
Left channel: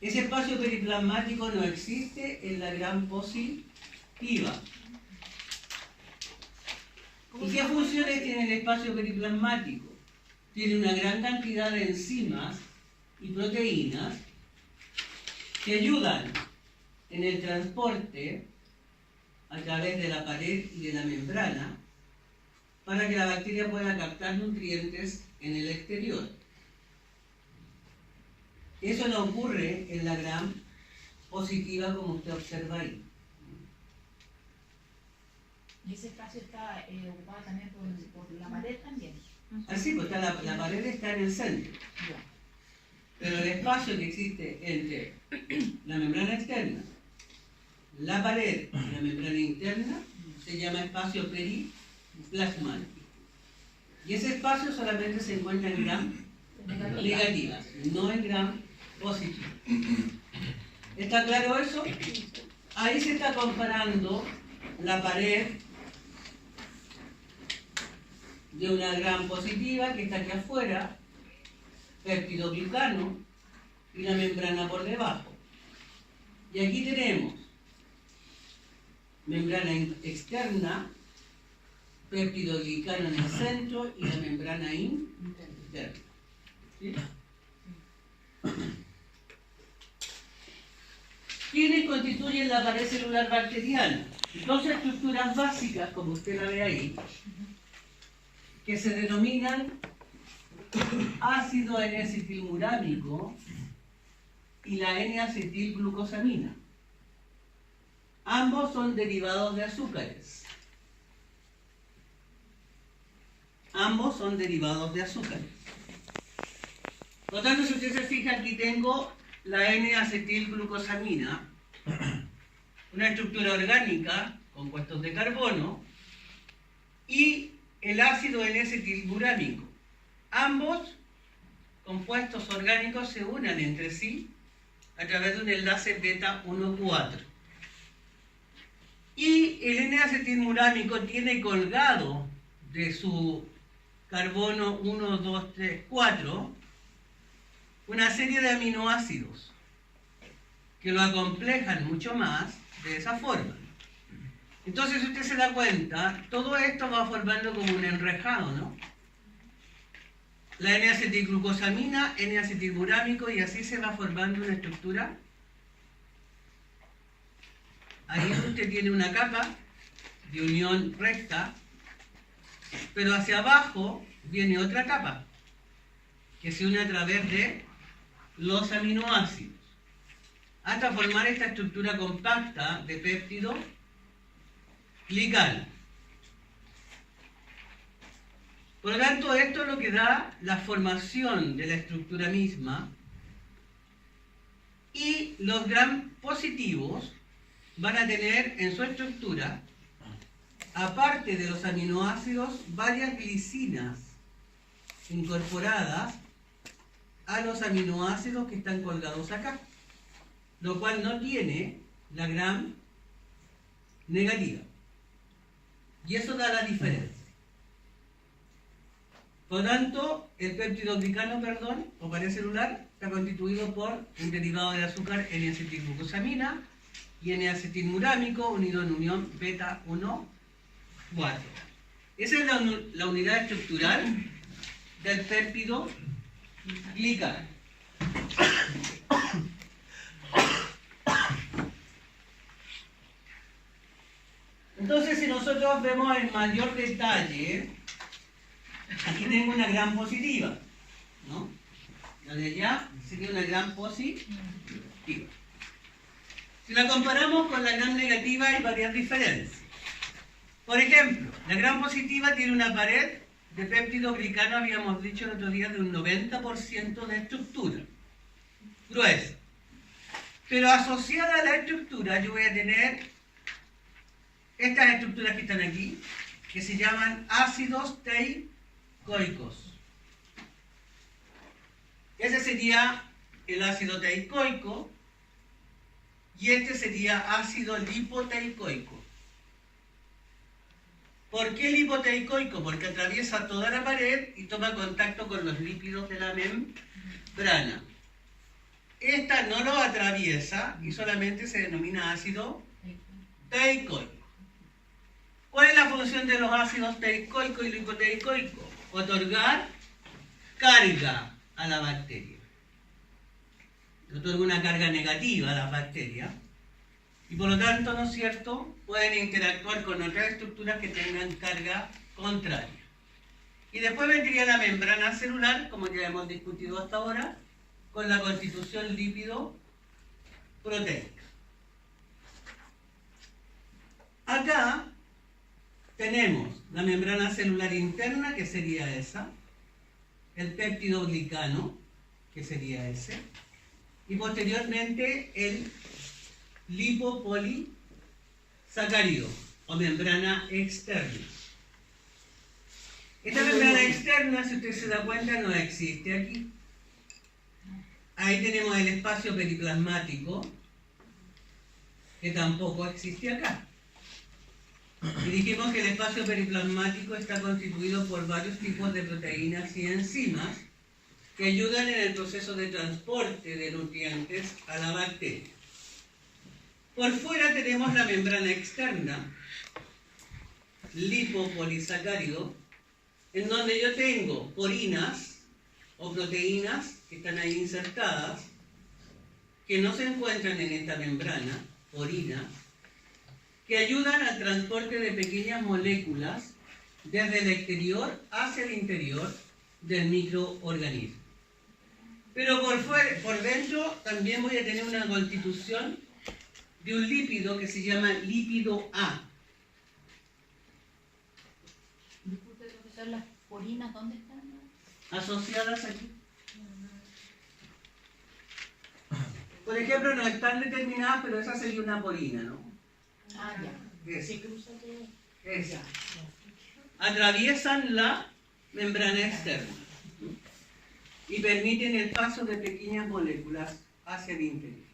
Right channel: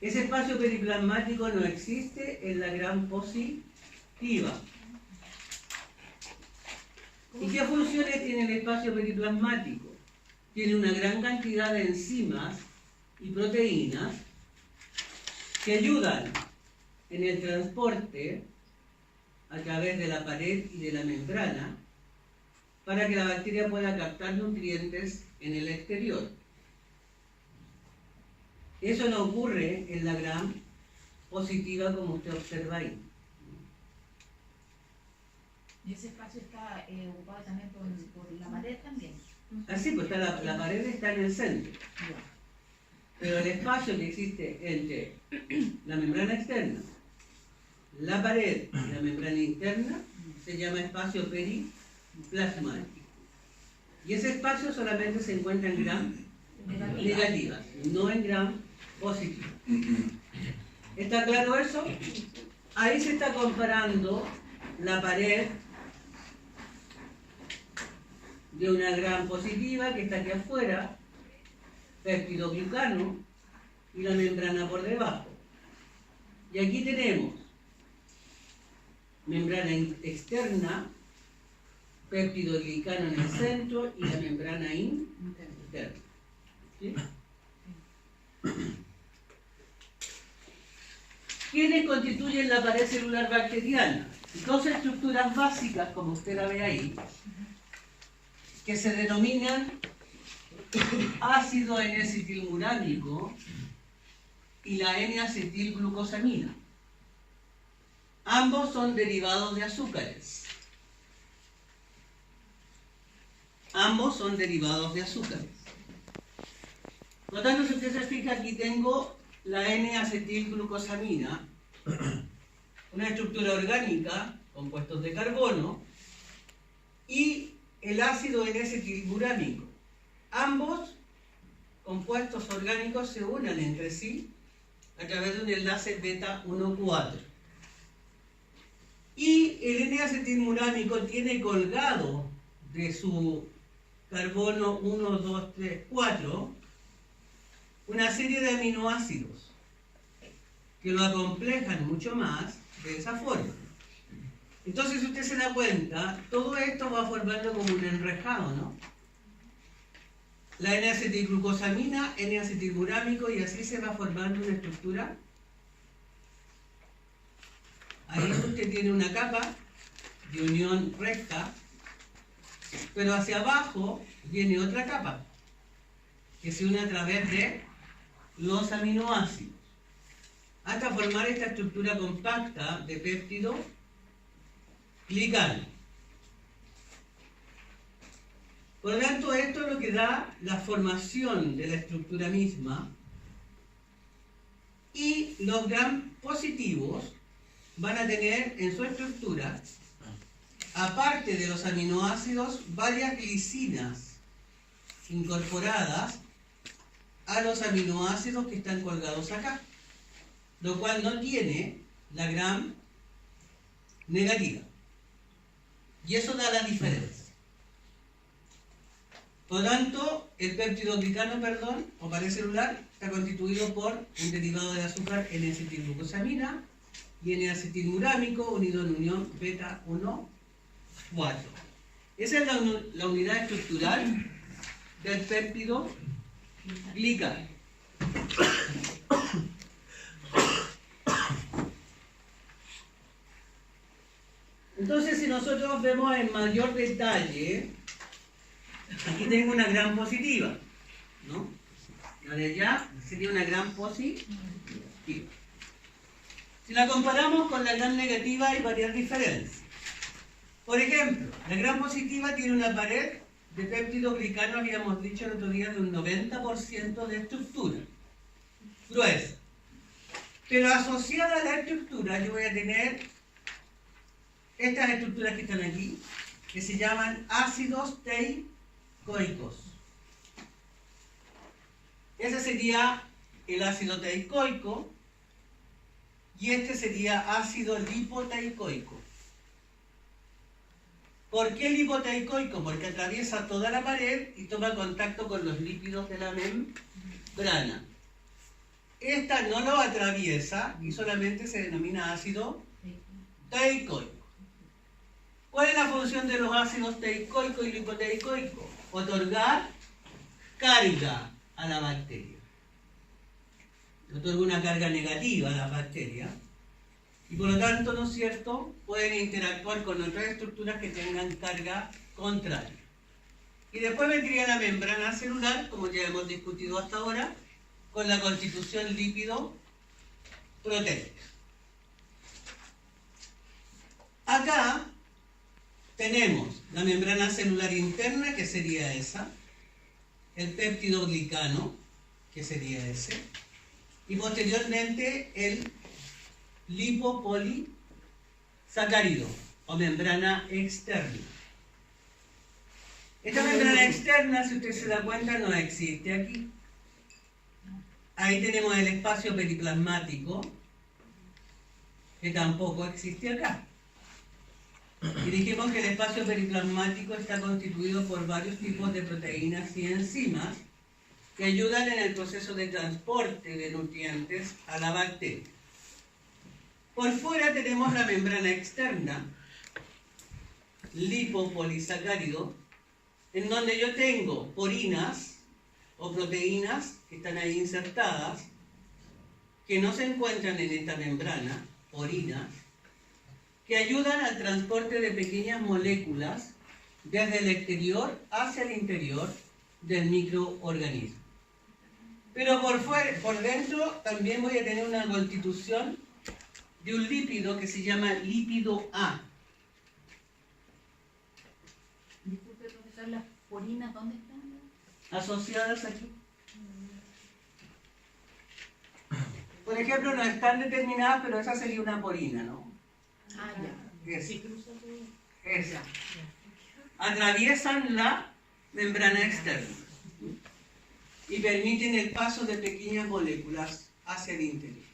Ese espacio periplasmático no existe en la gran positiva. ¿Y qué funciones tiene el espacio periplasmático? Tiene una gran cantidad de enzimas y proteínas que ayudan en el transporte a través de la pared y de la membrana para que la bacteria pueda captar nutrientes en el exterior. Eso no ocurre en la gram positiva como usted observa ahí. ¿Y ese espacio está ocupado también por la pared también? Así, pues está la pared está en el centro. Pero el espacio que existe entre la membrana externa, la pared y la membrana interna se llama espacio periplasmático. Y ese espacio solamente se encuentra en gram negativas, no en gram positivas. ¿Está claro eso? Ahí se está comparando la pared de una gram positiva que está aquí afuera, peptidoglicano, y la membrana por debajo. Y aquí tenemos membrana externa, peptidoglicano en el centro y la membrana interna. ¿Sí? ¿Quiénes constituyen la pared celular bacteriana? Dos estructuras básicas, como usted la ve ahí, que se denominan ácido N-acetilmurámico y la N-acetilglucosamina. Ambos son derivados de azúcares. Ambos son derivados de azúcares. Por lo tanto, si usted se fija, aquí tengo la N-acetilglucosamina, una estructura orgánica, compuestos de carbono, y el ácido N-acetilmurámico. Ambos compuestos orgánicos se unen entre sí a través de un enlace beta 1,4. Y el N-acetilmurámico tiene colgado de su carbono 1, 2, 3, 4 una serie de aminoácidos que lo acomplejan mucho más de esa forma. Entonces, si usted se da cuenta, todo esto va formando como un enrejado, ¿no? La N-acetilglucosamina, N-acetilmurámico, y así se va formando una estructura ahí usted tiene una capa de unión recta, pero hacia abajo viene otra capa que se une a través de los aminoácidos hasta formar esta estructura compacta de péptido glicano. Por lo tanto, esto es lo que da la formación de la estructura misma, y los gram positivos van a tener en su estructura, aparte de los aminoácidos, varias glicinas incorporadas a los aminoácidos que están colgados acá, lo cual no tiene la gram negativa. Y eso da la diferencia. Por lo tanto, el péptido glicano, o pared celular, está constituido por un derivado de azúcar N-acetilglucosamina y N-acetilmurámico unido en unión beta 1, 4. Esa es la unidad estructural del péptido glicano. Entonces, si nosotros vemos en mayor detalle, aquí tengo una gram positiva, ¿no? La de allá sería una gram positiva. Si la comparamos con la gram negativa, hay varias diferencias. Por ejemplo, la gram positiva tiene una pared de péptido glicano, habíamos dicho el otro día, de un 90% de estructura gruesa. Pero asociada a la estructura, yo voy a tener estas estructuras que están aquí, que se llaman ácidos teicoicos. Ese sería el ácido teicoico y este sería ácido lipoteicoico. ¿Por qué lipoteicoico? Porque atraviesa toda la pared y toma contacto con los lípidos de la membrana. Esta no lo atraviesa y solamente se denomina ácido teicoico. ¿Cuál es la función de los ácidos teicoico y lipoteicoico? Otorgar carga a la bacteria. Otorga una carga negativa a las bacterias y por lo tanto, ¿no es cierto?, pueden interactuar con otras estructuras que tengan carga contraria. Y después vendría la membrana celular, como ya hemos discutido hasta ahora, con la constitución lípido-proteica. Acá tenemos la membrana celular interna, que sería esa, el péptido glicano, que sería ese, y posteriormente el lipopolisacárido o membrana externa. Esta membrana externa, si usted se da cuenta, no existe aquí. Ahí tenemos el espacio periplasmático, que tampoco existe acá. Y dijimos que el espacio periplasmático está constituido por varios tipos de proteínas y enzimas que ayudan en el proceso de transporte de nutrientes a la bacteria. Por fuera tenemos la membrana externa, lipopolisacárido, en donde yo tengo porinas o proteínas que están ahí insertadas, que no se encuentran en esta membrana, porinas, que ayudan al transporte de pequeñas moléculas desde el exterior hacia el interior del microorganismo. Pero por dentro también voy a tener una constitución de un lípido que se llama lípido A. Disculpe, profesor, ¿las porinas dónde están? Asociadas aquí. Por ejemplo, no están determinadas, pero esa sería una porina, ¿no? Ah, ya. Esa. Atraviesan la membrana externa y permiten el paso de pequeñas moléculas hacia el interior.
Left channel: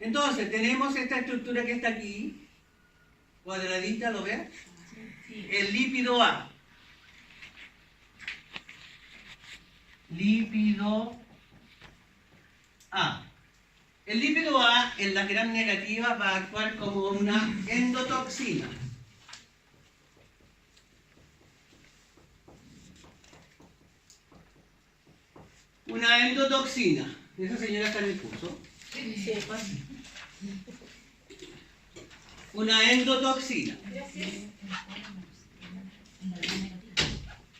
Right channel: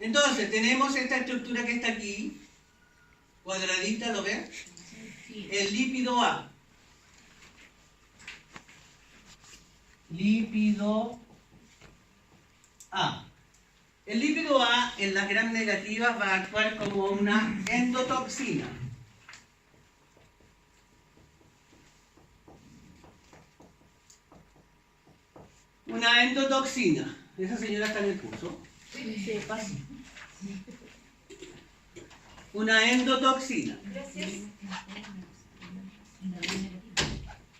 Entonces, tenemos esta estructura que está aquí, cuadradita, ¿lo ves? El lípido A. Lípido A. El lípido A en las gram negativas va a actuar como una endotoxina. Una endotoxina. Esa señora está en el curso. Sí, pasa. una endotoxina.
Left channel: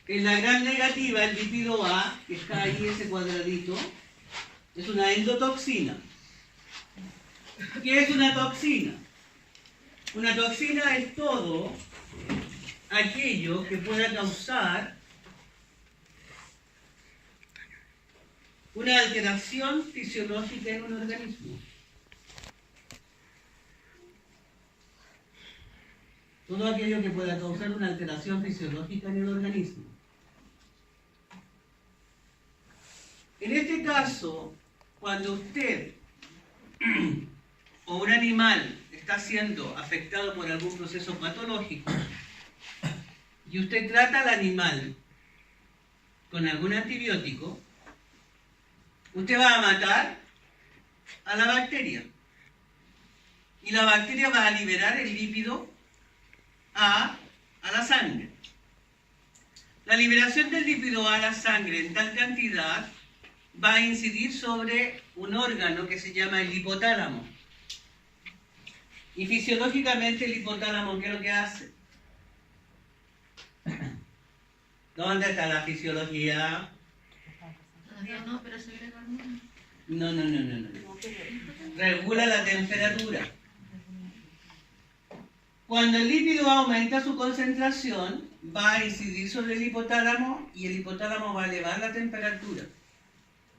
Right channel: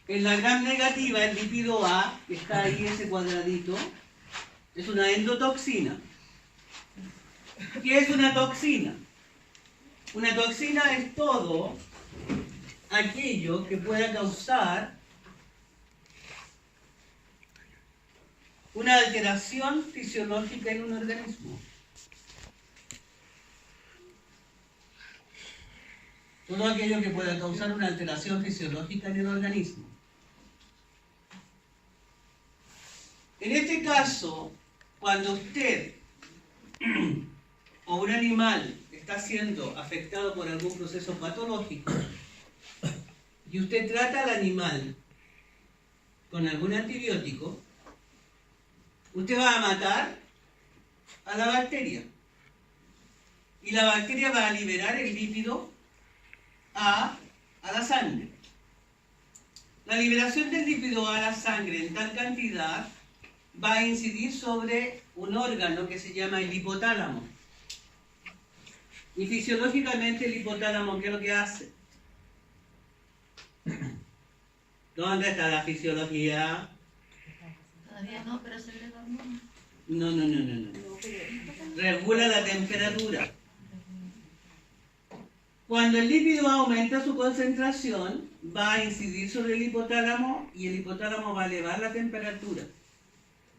En la gram negativa, el lípido A, que está ahí ese cuadradito, es una endotoxina. ¿Qué es una toxina? Una toxina es todo aquello que pueda causar una alteración fisiológica en un organismo. Todo aquello que pueda causar una alteración fisiológica en el organismo. En este caso, cuando usted o un animal está siendo afectado por algún proceso patológico y usted trata al animal con algún antibiótico, usted va a matar a la bacteria. Y la bacteria va a liberar el lípido A a la sangre. La liberación del lípido A a la sangre en tal cantidad va a incidir sobre un órgano que se llama el hipotálamo. Y fisiológicamente el hipotálamo, ¿qué es lo que hace? ¿Dónde está la fisiología? Todavía no, pero se ve dormido. No. Regula la temperatura. Cuando el lípido aumenta su concentración, va a incidir sobre el hipotálamo y el hipotálamo va a elevar la temperatura.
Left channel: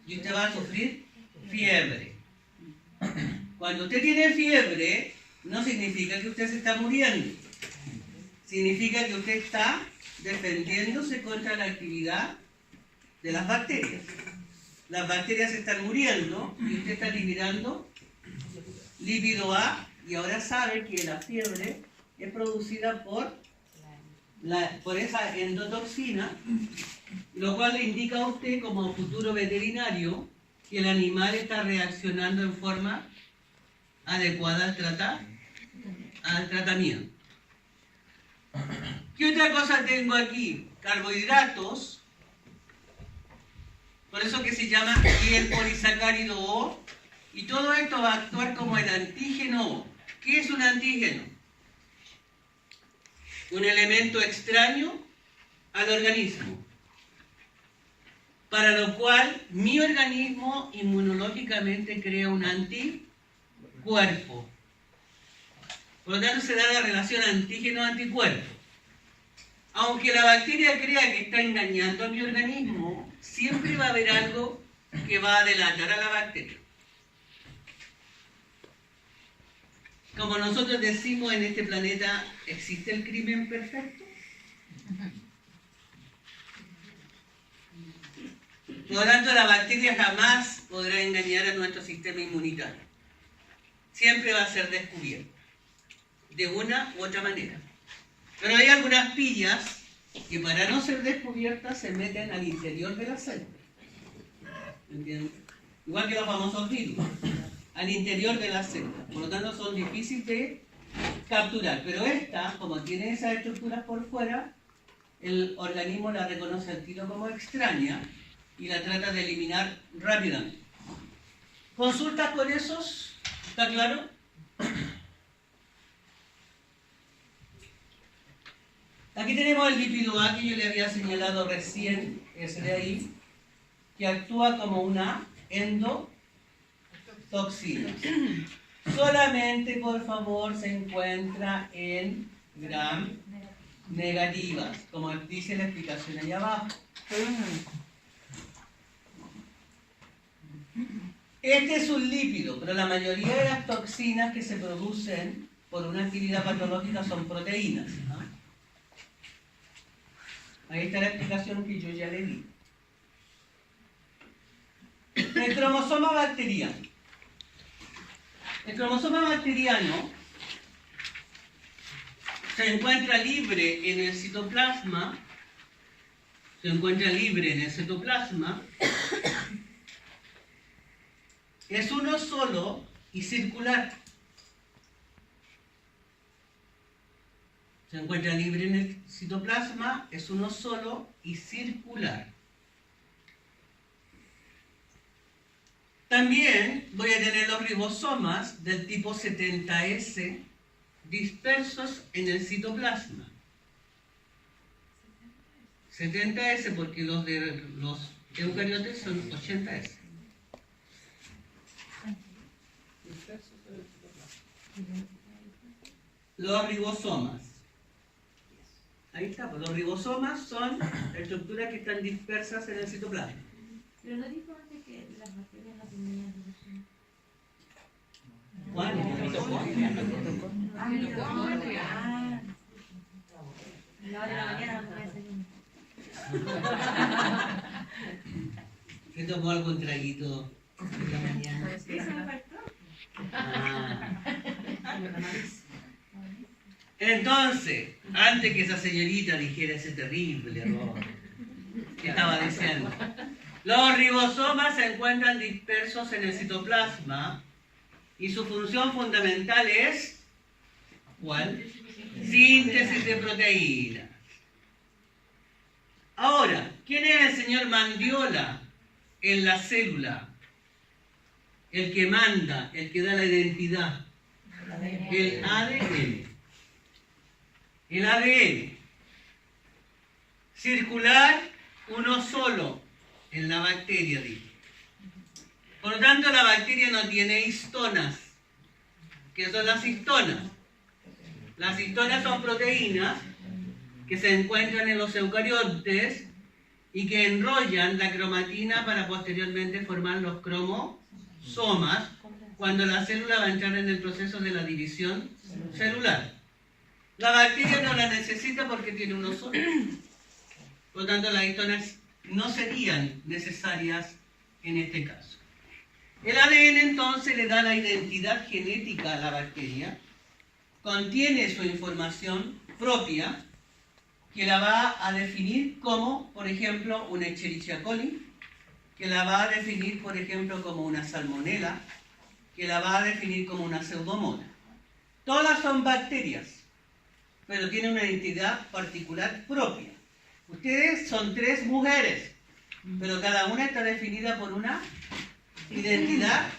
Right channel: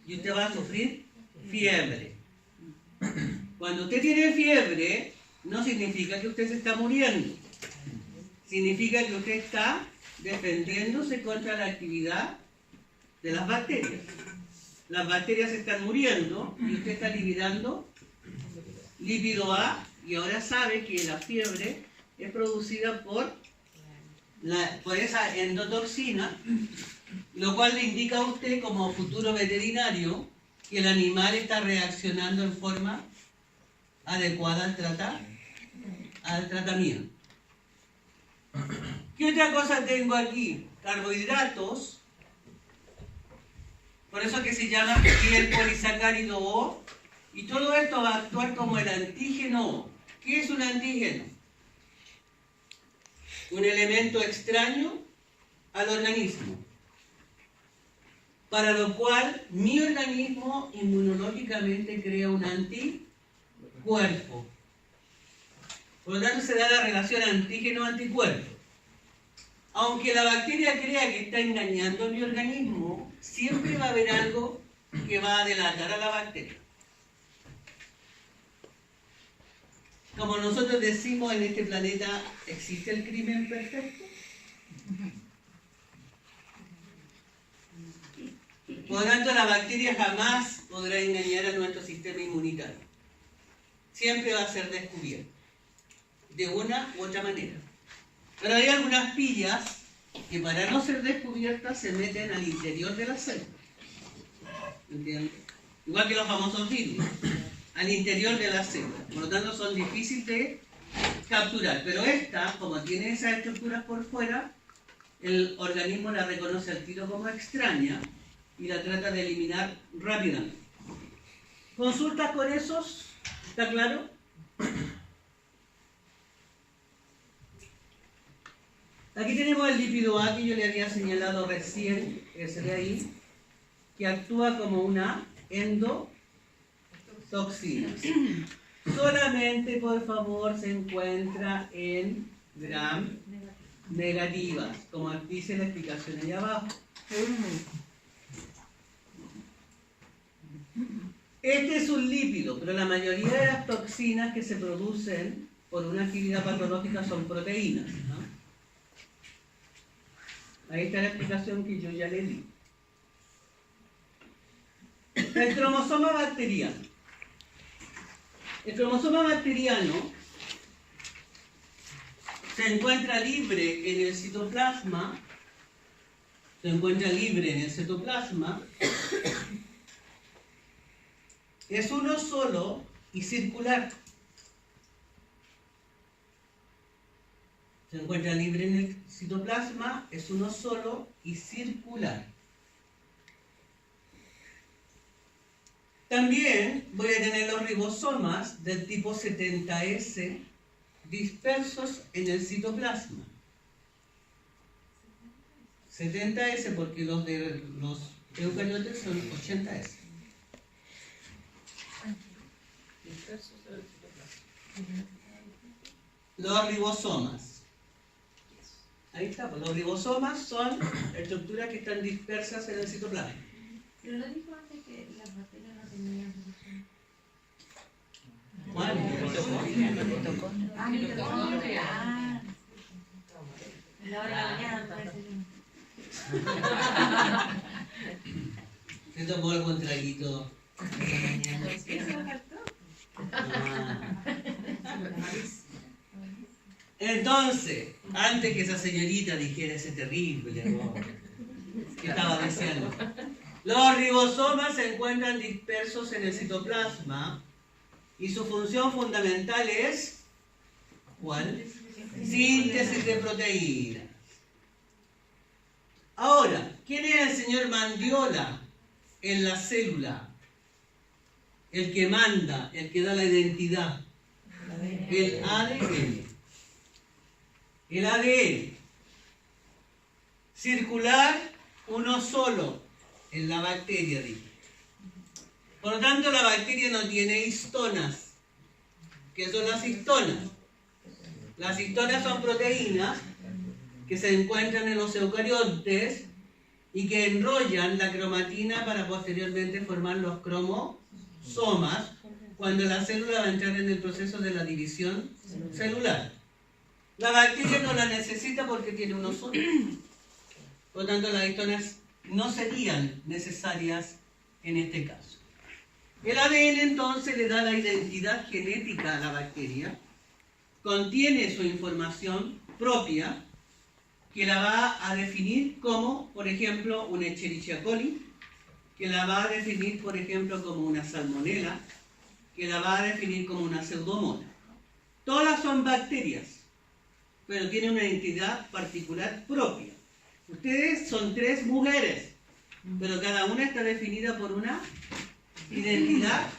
Y usted va a sufrir fiebre. Cuando usted tiene fiebre, no significa que usted se está muriendo. Significa que usted está defendiéndose contra la actividad de las bacterias. Las bacterias están muriendo y usted está liberando lípido A y ahora sabe que la fiebre es producida por esa endotoxina, lo cual le indica a usted como futuro veterinario que el animal está reaccionando en forma adecuada al tratamiento. ¿Qué otra cosa tengo aquí? Carbohidratos. Por eso que se llama aquí el polisacárido O. Y todo esto va a actuar como el antígeno O. ¿Qué es un antígeno? Un elemento extraño al organismo, para lo cual mi organismo inmunológicamente crea un anticuerpo. Por lo tanto se da la relación antígeno-anticuerpo. Aunque la bacteria crea que está engañando a mi organismo, siempre va a haber algo que va a delatar a la bacteria. Como nosotros decimos, en este planeta existe el crimen perfecto. Por lo tanto, la bacteria jamás podrá engañar a nuestro sistema inmunitario. Siempre va a ser descubierto, de una u otra manera. Pero hay algunas pillas que para no ser descubiertas se meten al interior de la célula. ¿Entiendes? Igual que los famosos virus, al interior de la célula. Por lo tanto son difíciles de capturar. Pero esta, como tiene esas estructuras por fuera, el organismo la reconoce al tiro como extraña y la trata de eliminar rápidamente. ¿Consultas con esos? ¿Está claro? Aquí tenemos el lípido A que yo le había señalado recién, ese de ahí, que actúa como una endotoxina. Solamente, por favor, se encuentra en gram negativas, como dice la explicación allá abajo. Este es un lípido, pero la mayoría de las toxinas que se producen por una actividad patológica son proteínas, ¿no? Ahí está la explicación que yo ya le di. El cromosoma bacteriano. El cromosoma bacteriano se encuentra libre en el citoplasma. Es uno solo y circular. Se encuentra libre en el citoplasma, es uno solo y circular. También voy a tener los ribosomas del tipo 70S dispersos en el citoplasma. 70S porque los de los eucariotes son 80S. Los ribosomas. Ahí está, pues los ribosomas son estructuras que están dispersas en el citoplasma. Pero no dijo antes que las bacterias no tenían ribosomas. ¿Cuál? Ah, mitocondria. Ah. La hora de la mañana no desayuno. ¿Se tomó algún traguito de la mañana? Eso me faltó. Ah. Entonces, antes que esa señorita dijera ese terrible error que estaba diciendo, los ribosomas se encuentran dispersos en el citoplasma y su función fundamental es ¿cuál? Síntesis de proteínas. Ahora, ¿quién es el señor Mandiola en la célula? El que manda, el que da la identidad. El ADN. El ADN. Circular, uno solo. En la bacteria, digo. Por lo tanto, la bacteria no tiene histonas. ¿Qué son las histonas? Las histonas son proteínas que se encuentran en los eucariotes y que enrollan la cromatina para posteriormente formar los cromosomas cuando la célula va a entrar en el proceso de la división celular. La bacteria no la necesita porque tiene uno solo. Por lo tanto, las histonas no serían necesarias en este caso. El ADN entonces le da la identidad genética a la bacteria, contiene su información propia, que la va a definir como, por ejemplo, una Escherichia coli, que la va a definir, por ejemplo, como una salmonela, que la va a definir como una pseudomonas. Todas son bacterias, pero tienen una identidad particular propia. Ustedes son 3 mujeres, pero cada una está definida por una identidad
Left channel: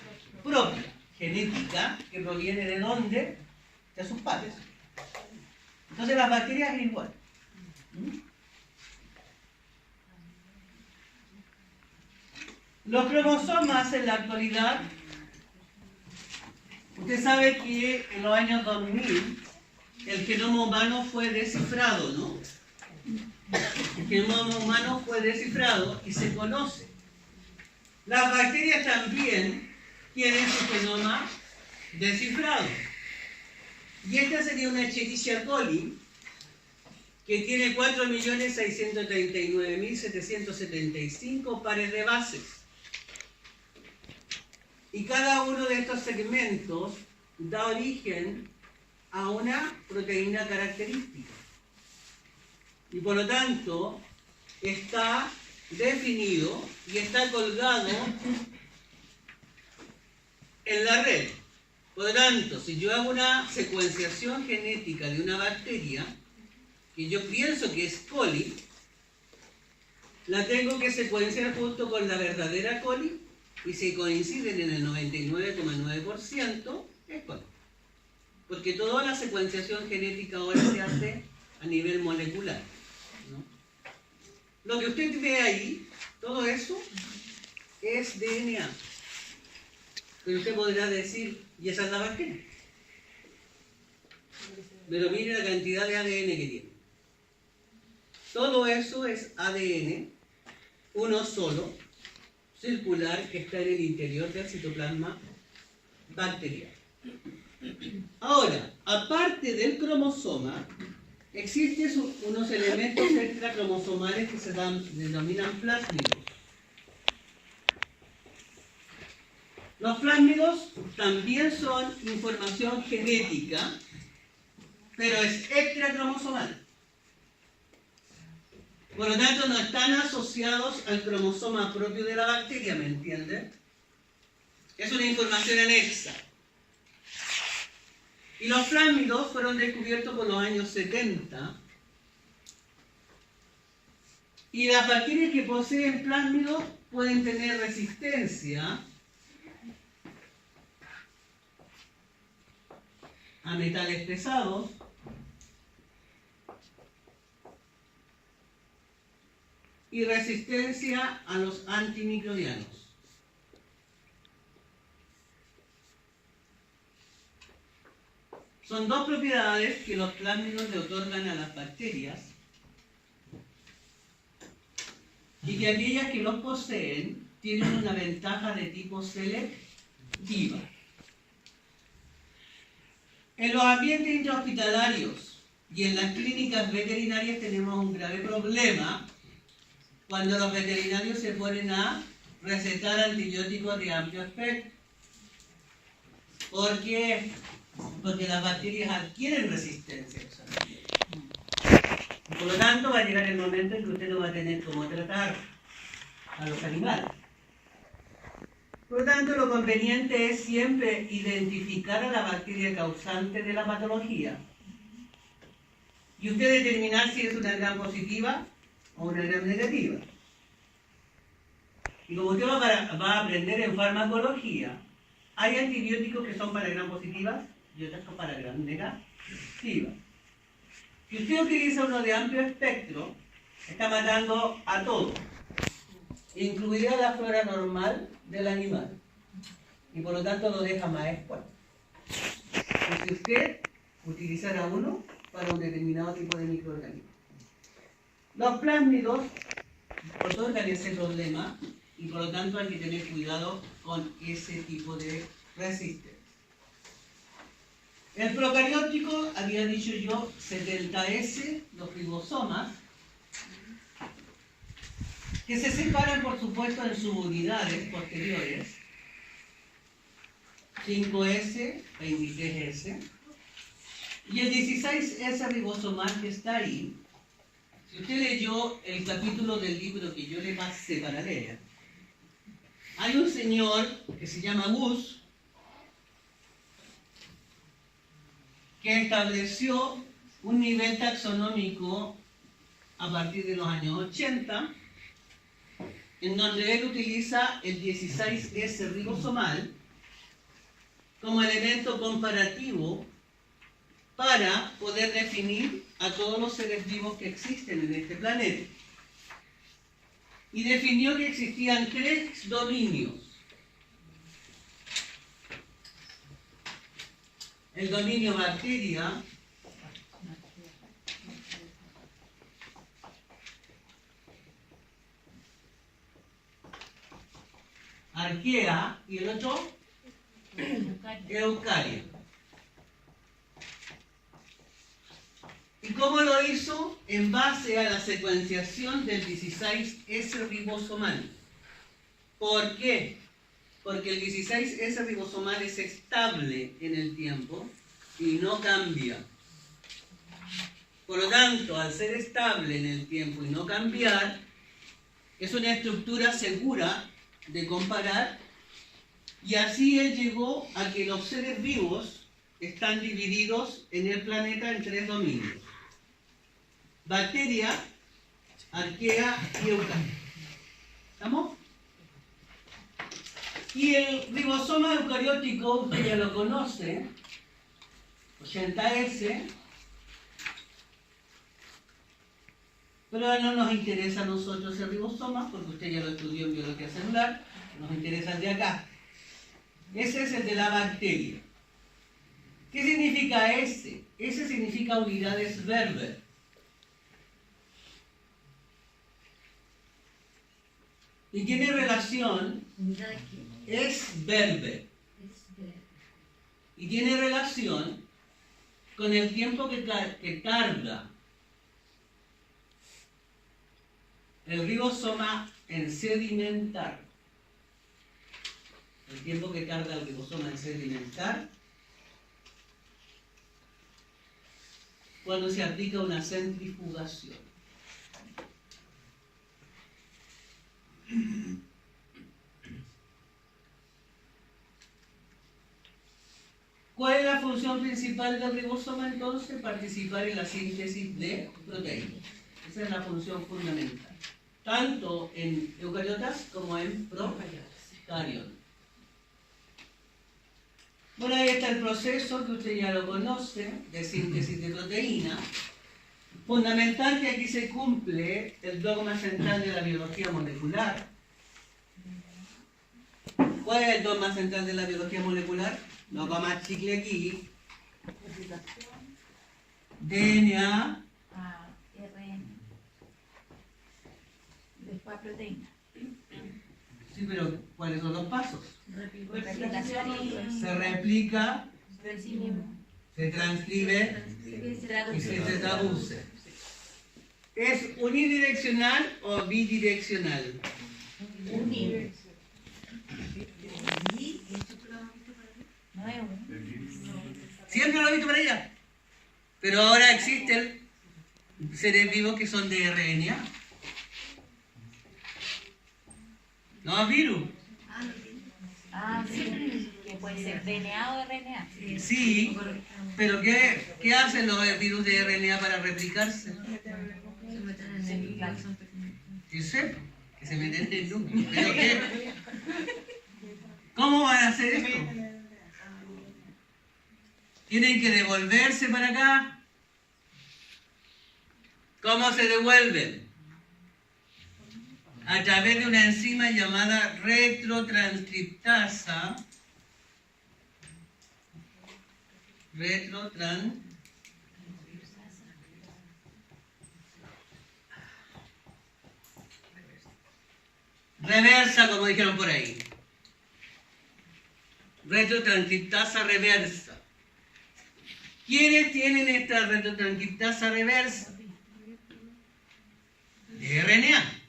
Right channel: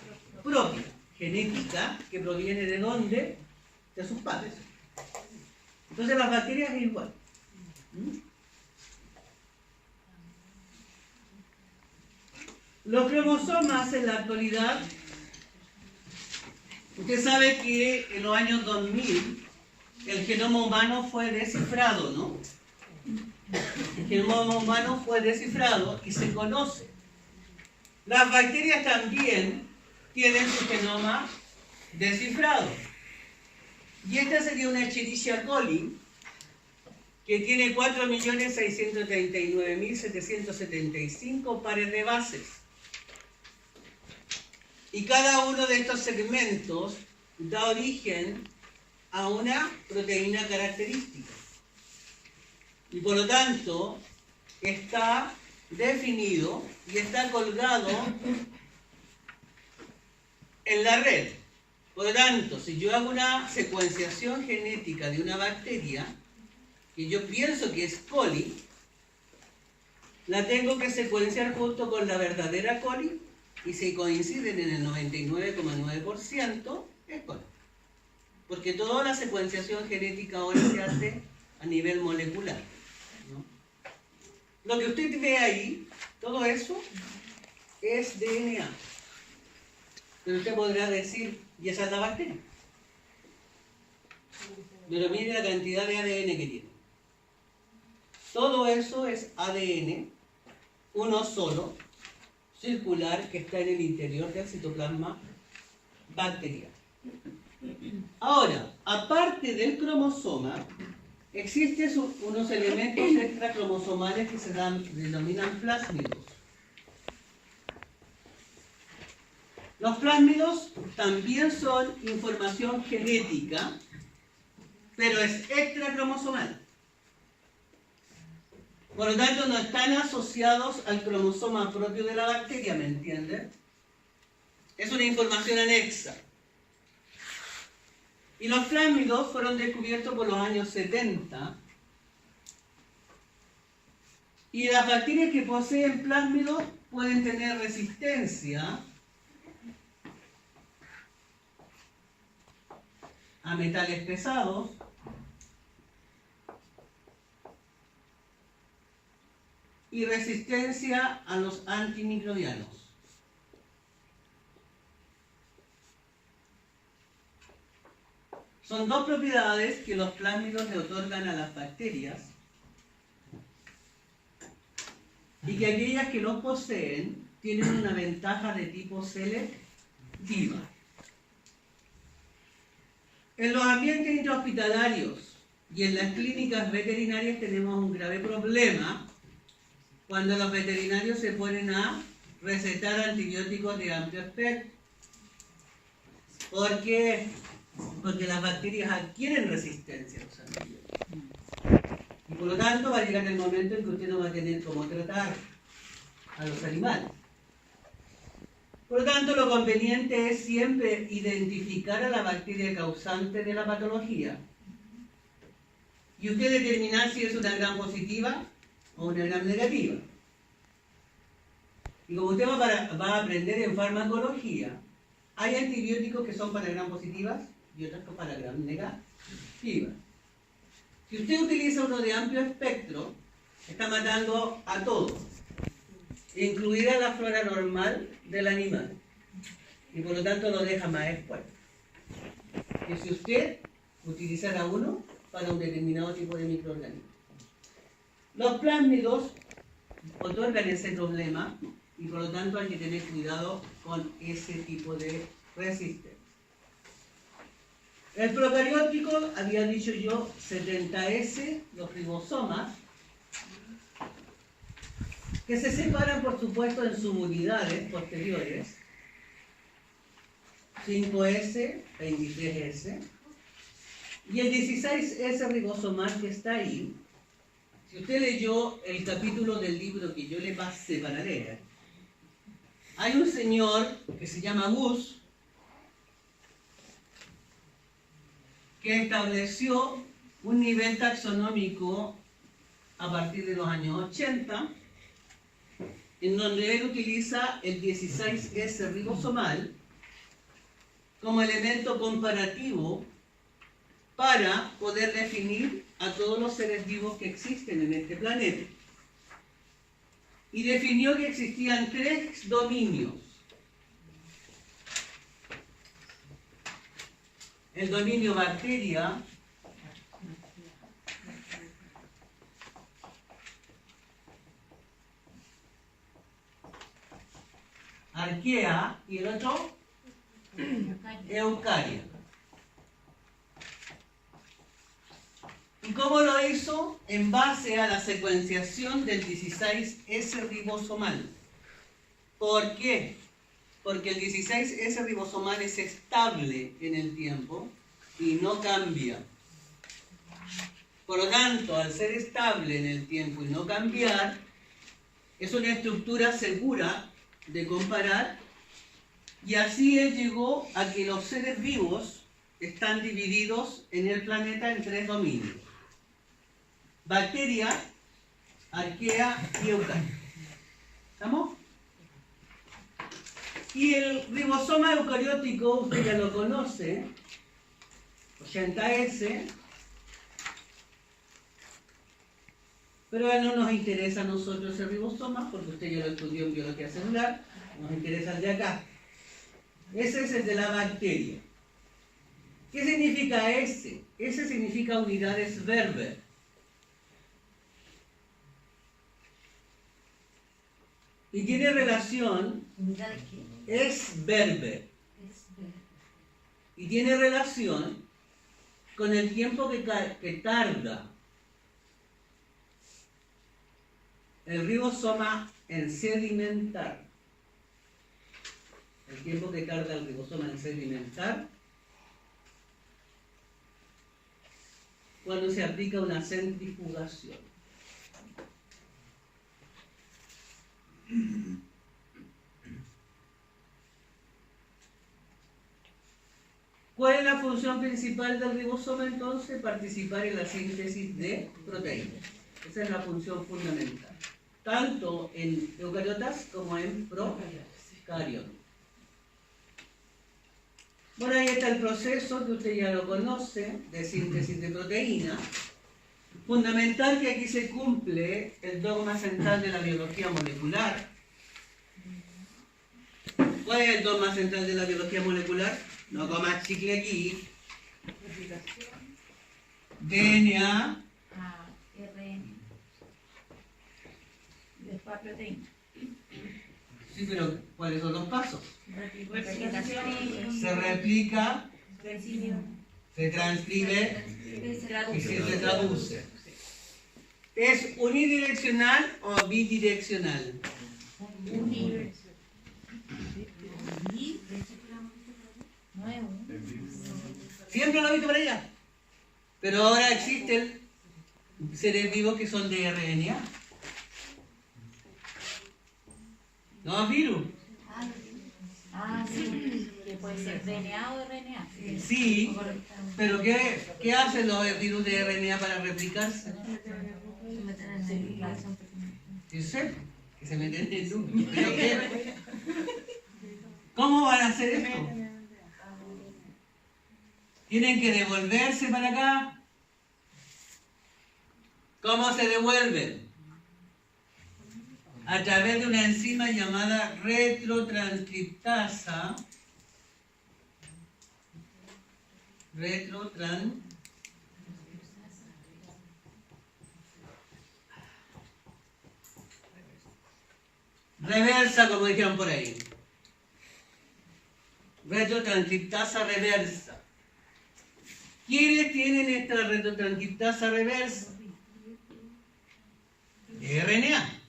propia, genética, que proviene de dónde, de sus padres. Entonces las bacterias es igual. Los cromosomas en la actualidad, usted sabe que en los años 2000 el genoma humano fue descifrado, ¿no? El genoma humano fue descifrado y se conoce. Las bacterias también tienen su genoma descifrado. Y esta sería una Escherichia coli que tiene 4.639.775 pares de bases. Y cada uno de estos segmentos da origen a una proteína característica. Y por lo tanto, está definido y está colgado en la red. Por lo tanto, si yo hago una secuenciación genética de una bacteria, que yo pienso que es coli, la tengo que secuenciar junto con la verdadera coli, y si coinciden en el 99,9%, es coli. Porque toda la secuenciación genética ahora se hace a nivel molecular, ¿no? Lo que usted ve ahí, todo eso, es DNA. Pero usted podrá decir, ¿y esa es la bacteria? Pero mire la cantidad de ADN que tiene. Todo eso es ADN, uno solo, circular, que está en el interior del citoplasma bacteriano. Ahora, aparte del cromosoma, existen unos elementos extracromosomales que se denominan plásmidos. Los plásmidos también son información genética, pero es extracromosomal. Por lo tanto, no están asociados al cromosoma propio de la bacteria, ¿me entienden? Es una información anexa. Y los plásmidos fueron descubiertos por los años 70. Y las bacterias que poseen plásmidos pueden tener resistencia a a metales pesados, y resistencia a los antimicrobianos. Son dos propiedades que los plásmidos le otorgan a las bacterias y que aquellas que los poseen tienen una ventaja de tipo selectiva. En los ambientes intrahospitalarios y en las clínicas veterinarias tenemos un grave problema cuando los veterinarios se ponen a recetar antibióticos de amplio espectro. ¿Por qué? Porque las bacterias adquieren resistencia a los antibióticos. Y por lo tanto va a llegar el momento en que usted no va a tener cómo tratar a los animales. Por lo tanto, lo conveniente es siempre identificar a la bacteria causante de la patología y usted determinar si es una gram positiva o una gram negativa. Y como usted va a aprender en farmacología, hay antibióticos que son para gram positivas y otros para gram negativas. Si usted utiliza uno de amplio espectro, está matando a todo, incluida la flora normal del animal, y por lo tanto lo deja más expuesto que si usted utilizara uno para un determinado tipo de microorganismo. Los plásmidos otorgan ese problema y por lo tanto hay que tener cuidado con ese tipo de resistencia. El procariótico, había dicho yo, 70S, los ribosomas, que se separan por supuesto en subunidades posteriores, 5S, 23S, y el 16S ribosomal que está ahí. Si usted leyó el capítulo del libro que yo le pasé para leer, hay un señor que se llama Gus, que estableció un nivel taxonómico a partir de los años 80, en donde él utiliza el 16S ribosomal como elemento comparativo para poder definir a todos los seres vivos que existen en este planeta. Y definió que existían 3 dominios. El dominio bacteria, arquea y el otro eucaria. ¿Y cómo lo hizo? En base a la secuenciación del 16S ribosomal. ¿Por qué? Porque el 16S ribosomal es estable en el tiempo y no cambia. Por lo tanto, al ser estable en el tiempo y no cambiar, es una estructura segura de comparar, y así él llegó a que los seres vivos están divididos en el planeta en 3 dominios: bacteria, arquea y eucaria. ¿Estamos? Y el ribosoma eucariótico, usted ya lo conoce, 80S, pero no nos interesa a nosotros el ribosoma, porque usted ya lo estudió en biología celular, nos interesa el de acá. Ese es el de la bacteria. ¿Qué significa ese? Ese significa unidades Berber. Y tiene relación, ¿Unidad de qué? es Berber, Es verde. y tiene relación con el tiempo que tarda el ribosoma en sedimentar. El tiempo que tarda el ribosoma en sedimentar cuando se aplica una centrifugación. ¿Cuál es la función principal del ribosoma entonces? Participar en la síntesis de proteínas. Esa es la función fundamental, tanto en eucariotas como en procariotas. Bueno, ahí está el proceso que usted ya lo conoce, de síntesis de proteína. Fundamental que aquí se cumple el dogma central de la biología molecular. ¿Cuál es el dogma central de la biología molecular? No comas chicle aquí. DNA. RN. Después proteína. Sí, pero ¿cuáles son los pasos? Replicación. Se replica, Replicación. se transcribe y se traduce. ¿Es unidireccional o bidireccional? Unir. No es un. El virus. Siempre lo he visto para allá. Pero ahora existen seres vivos que son de RNA. No virus. Ah, sí. Que puede ser DNA o RNA. Sí, pero ¿qué hacen los virus de RNA para replicarse? Sí sé, que se meten en el núcleo. ¿Pero qué? ¿Cómo van a hacer esto? ¿Tienen que devolverse para acá? ¿Cómo se devuelven? A través de una enzima llamada retrotranscriptasa. Reversa, como dijeron por ahí. Retrotranscriptasa reversa. ¿Quiénes tienen esta retrotranscriptasa reversa? De RNA.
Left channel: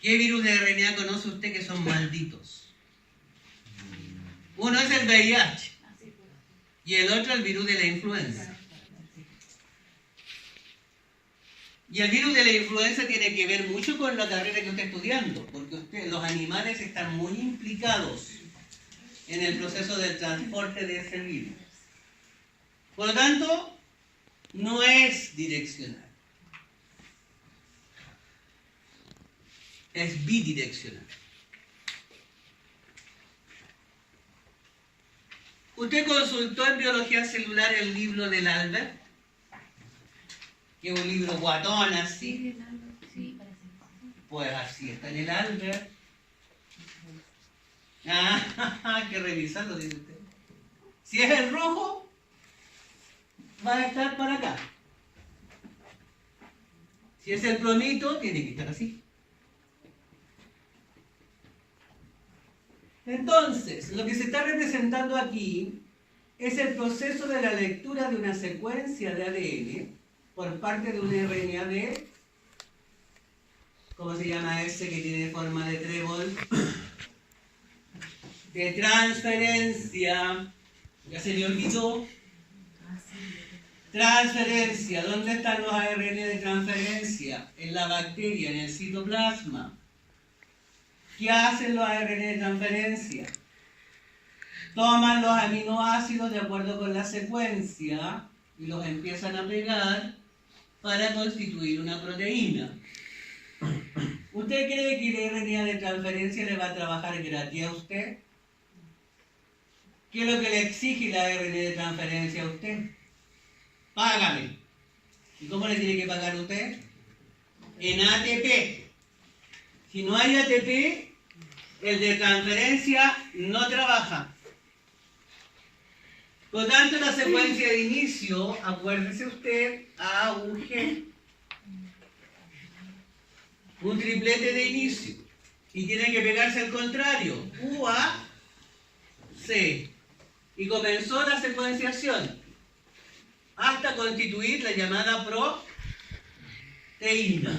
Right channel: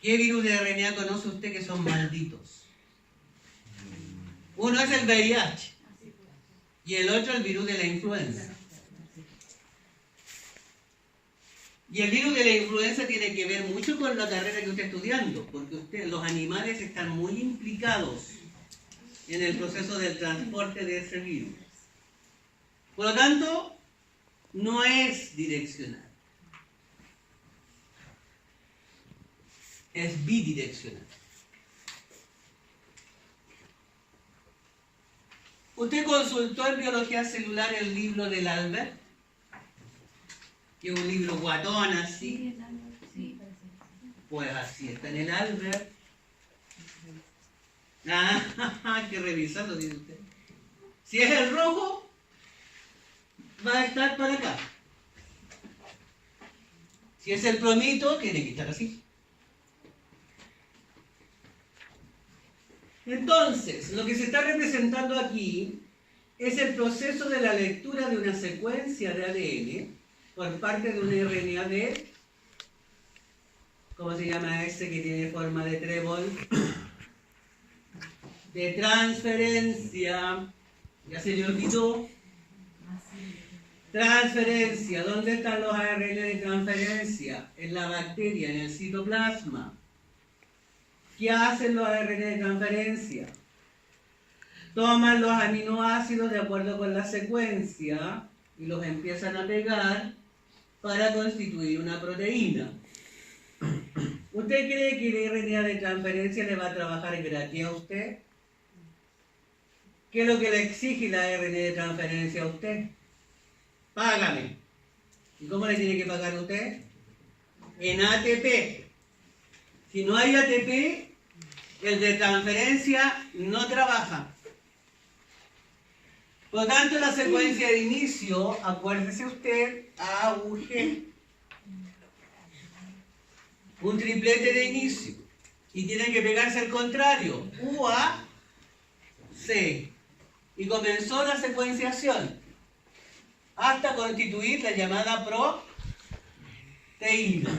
¿Qué virus de RNA conoce usted que son malditos? Uno es el VIH y el otro el virus de la influenza. Y el virus de la influenza tiene que ver mucho con la carrera que usted está estudiando, porque los animales están muy implicados en el proceso del transporte de ese virus. Por lo tanto, no es direccional. Es bidireccional. ¿Usted consultó en biología celular el libro del Albert? Que es un libro guatón así. Pues así está en el Albert. Ah, hay que revisarlo, dice usted. Si es el rojo, va a estar para acá. Si es el plomito, tiene que estar así. Entonces, lo que se está representando aquí es el proceso de la lectura de una secuencia de ADN por parte de un RNA de, ¿cómo se llama ese que tiene forma de trébol? De transferencia. ¿Ya se le olvidó? Transferencia. ¿Dónde están los ARN de transferencia? En la bacteria, en el citoplasma. ¿Qué hacen los ARN de transferencia? Toman los aminoácidos de acuerdo con la secuencia y los empiezan a pegar para constituir una proteína. ¿Usted cree que el RNA de transferencia le va a trabajar gratis a usted? ¿Qué es lo que le exige la RNA de transferencia a usted? Págame. ¿Y cómo le tiene que pagar usted? En ATP. Si no hay ATP, el de transferencia no trabaja. Por lo tanto, la secuencia de inicio, acuérdese usted, A, U, G. Un triplete de inicio. Y tiene que pegarse al contrario. U, A, C. Y comenzó la secuenciación hasta constituir la llamada proteína.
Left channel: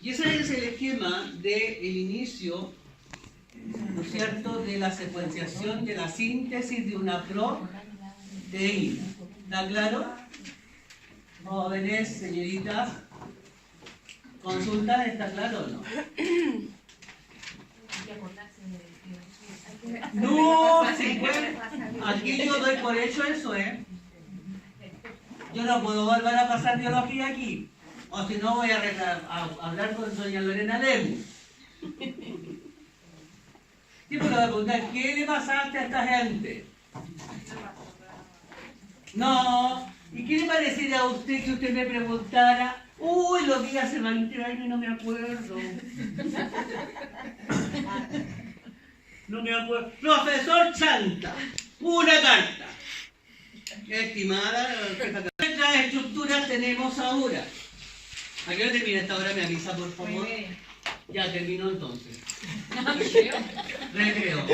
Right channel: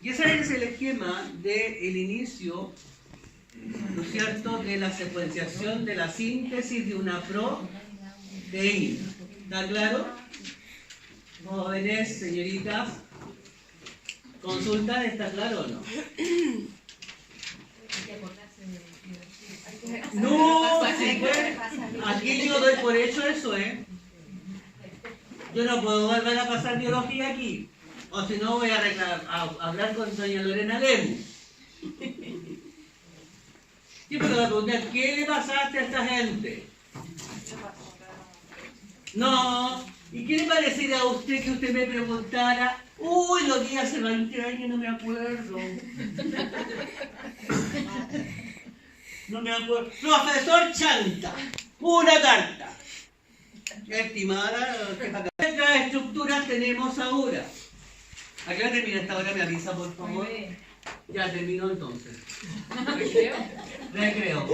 Y ese es el esquema del inicio, ¿no es cierto?, de la secuenciación de la síntesis de una proteína. ¿Está claro? Jóvenes, señoritas, ¿consultan? ¿Está claro o no? No, sí, pues, aquí yo doy por hecho eso, ¿eh? Yo no puedo volver a pasar biología aquí. O si no, voy a hablar con doña Lorena Lemus. Sí, pero voy a preguntar, ¿qué le pasaste a esta gente? No. ¿Y qué le parecería a usted que usted me preguntara? Uy, lo vi hace 20 años y no me acuerdo. No me acuerdo. Profesor Chanta, una carta. Estimada, ¿cuántas estructuras tenemos ahora? ¿A qué hora termina esta hora? Me avisa, por favor. Ya terminó entonces. Recreo.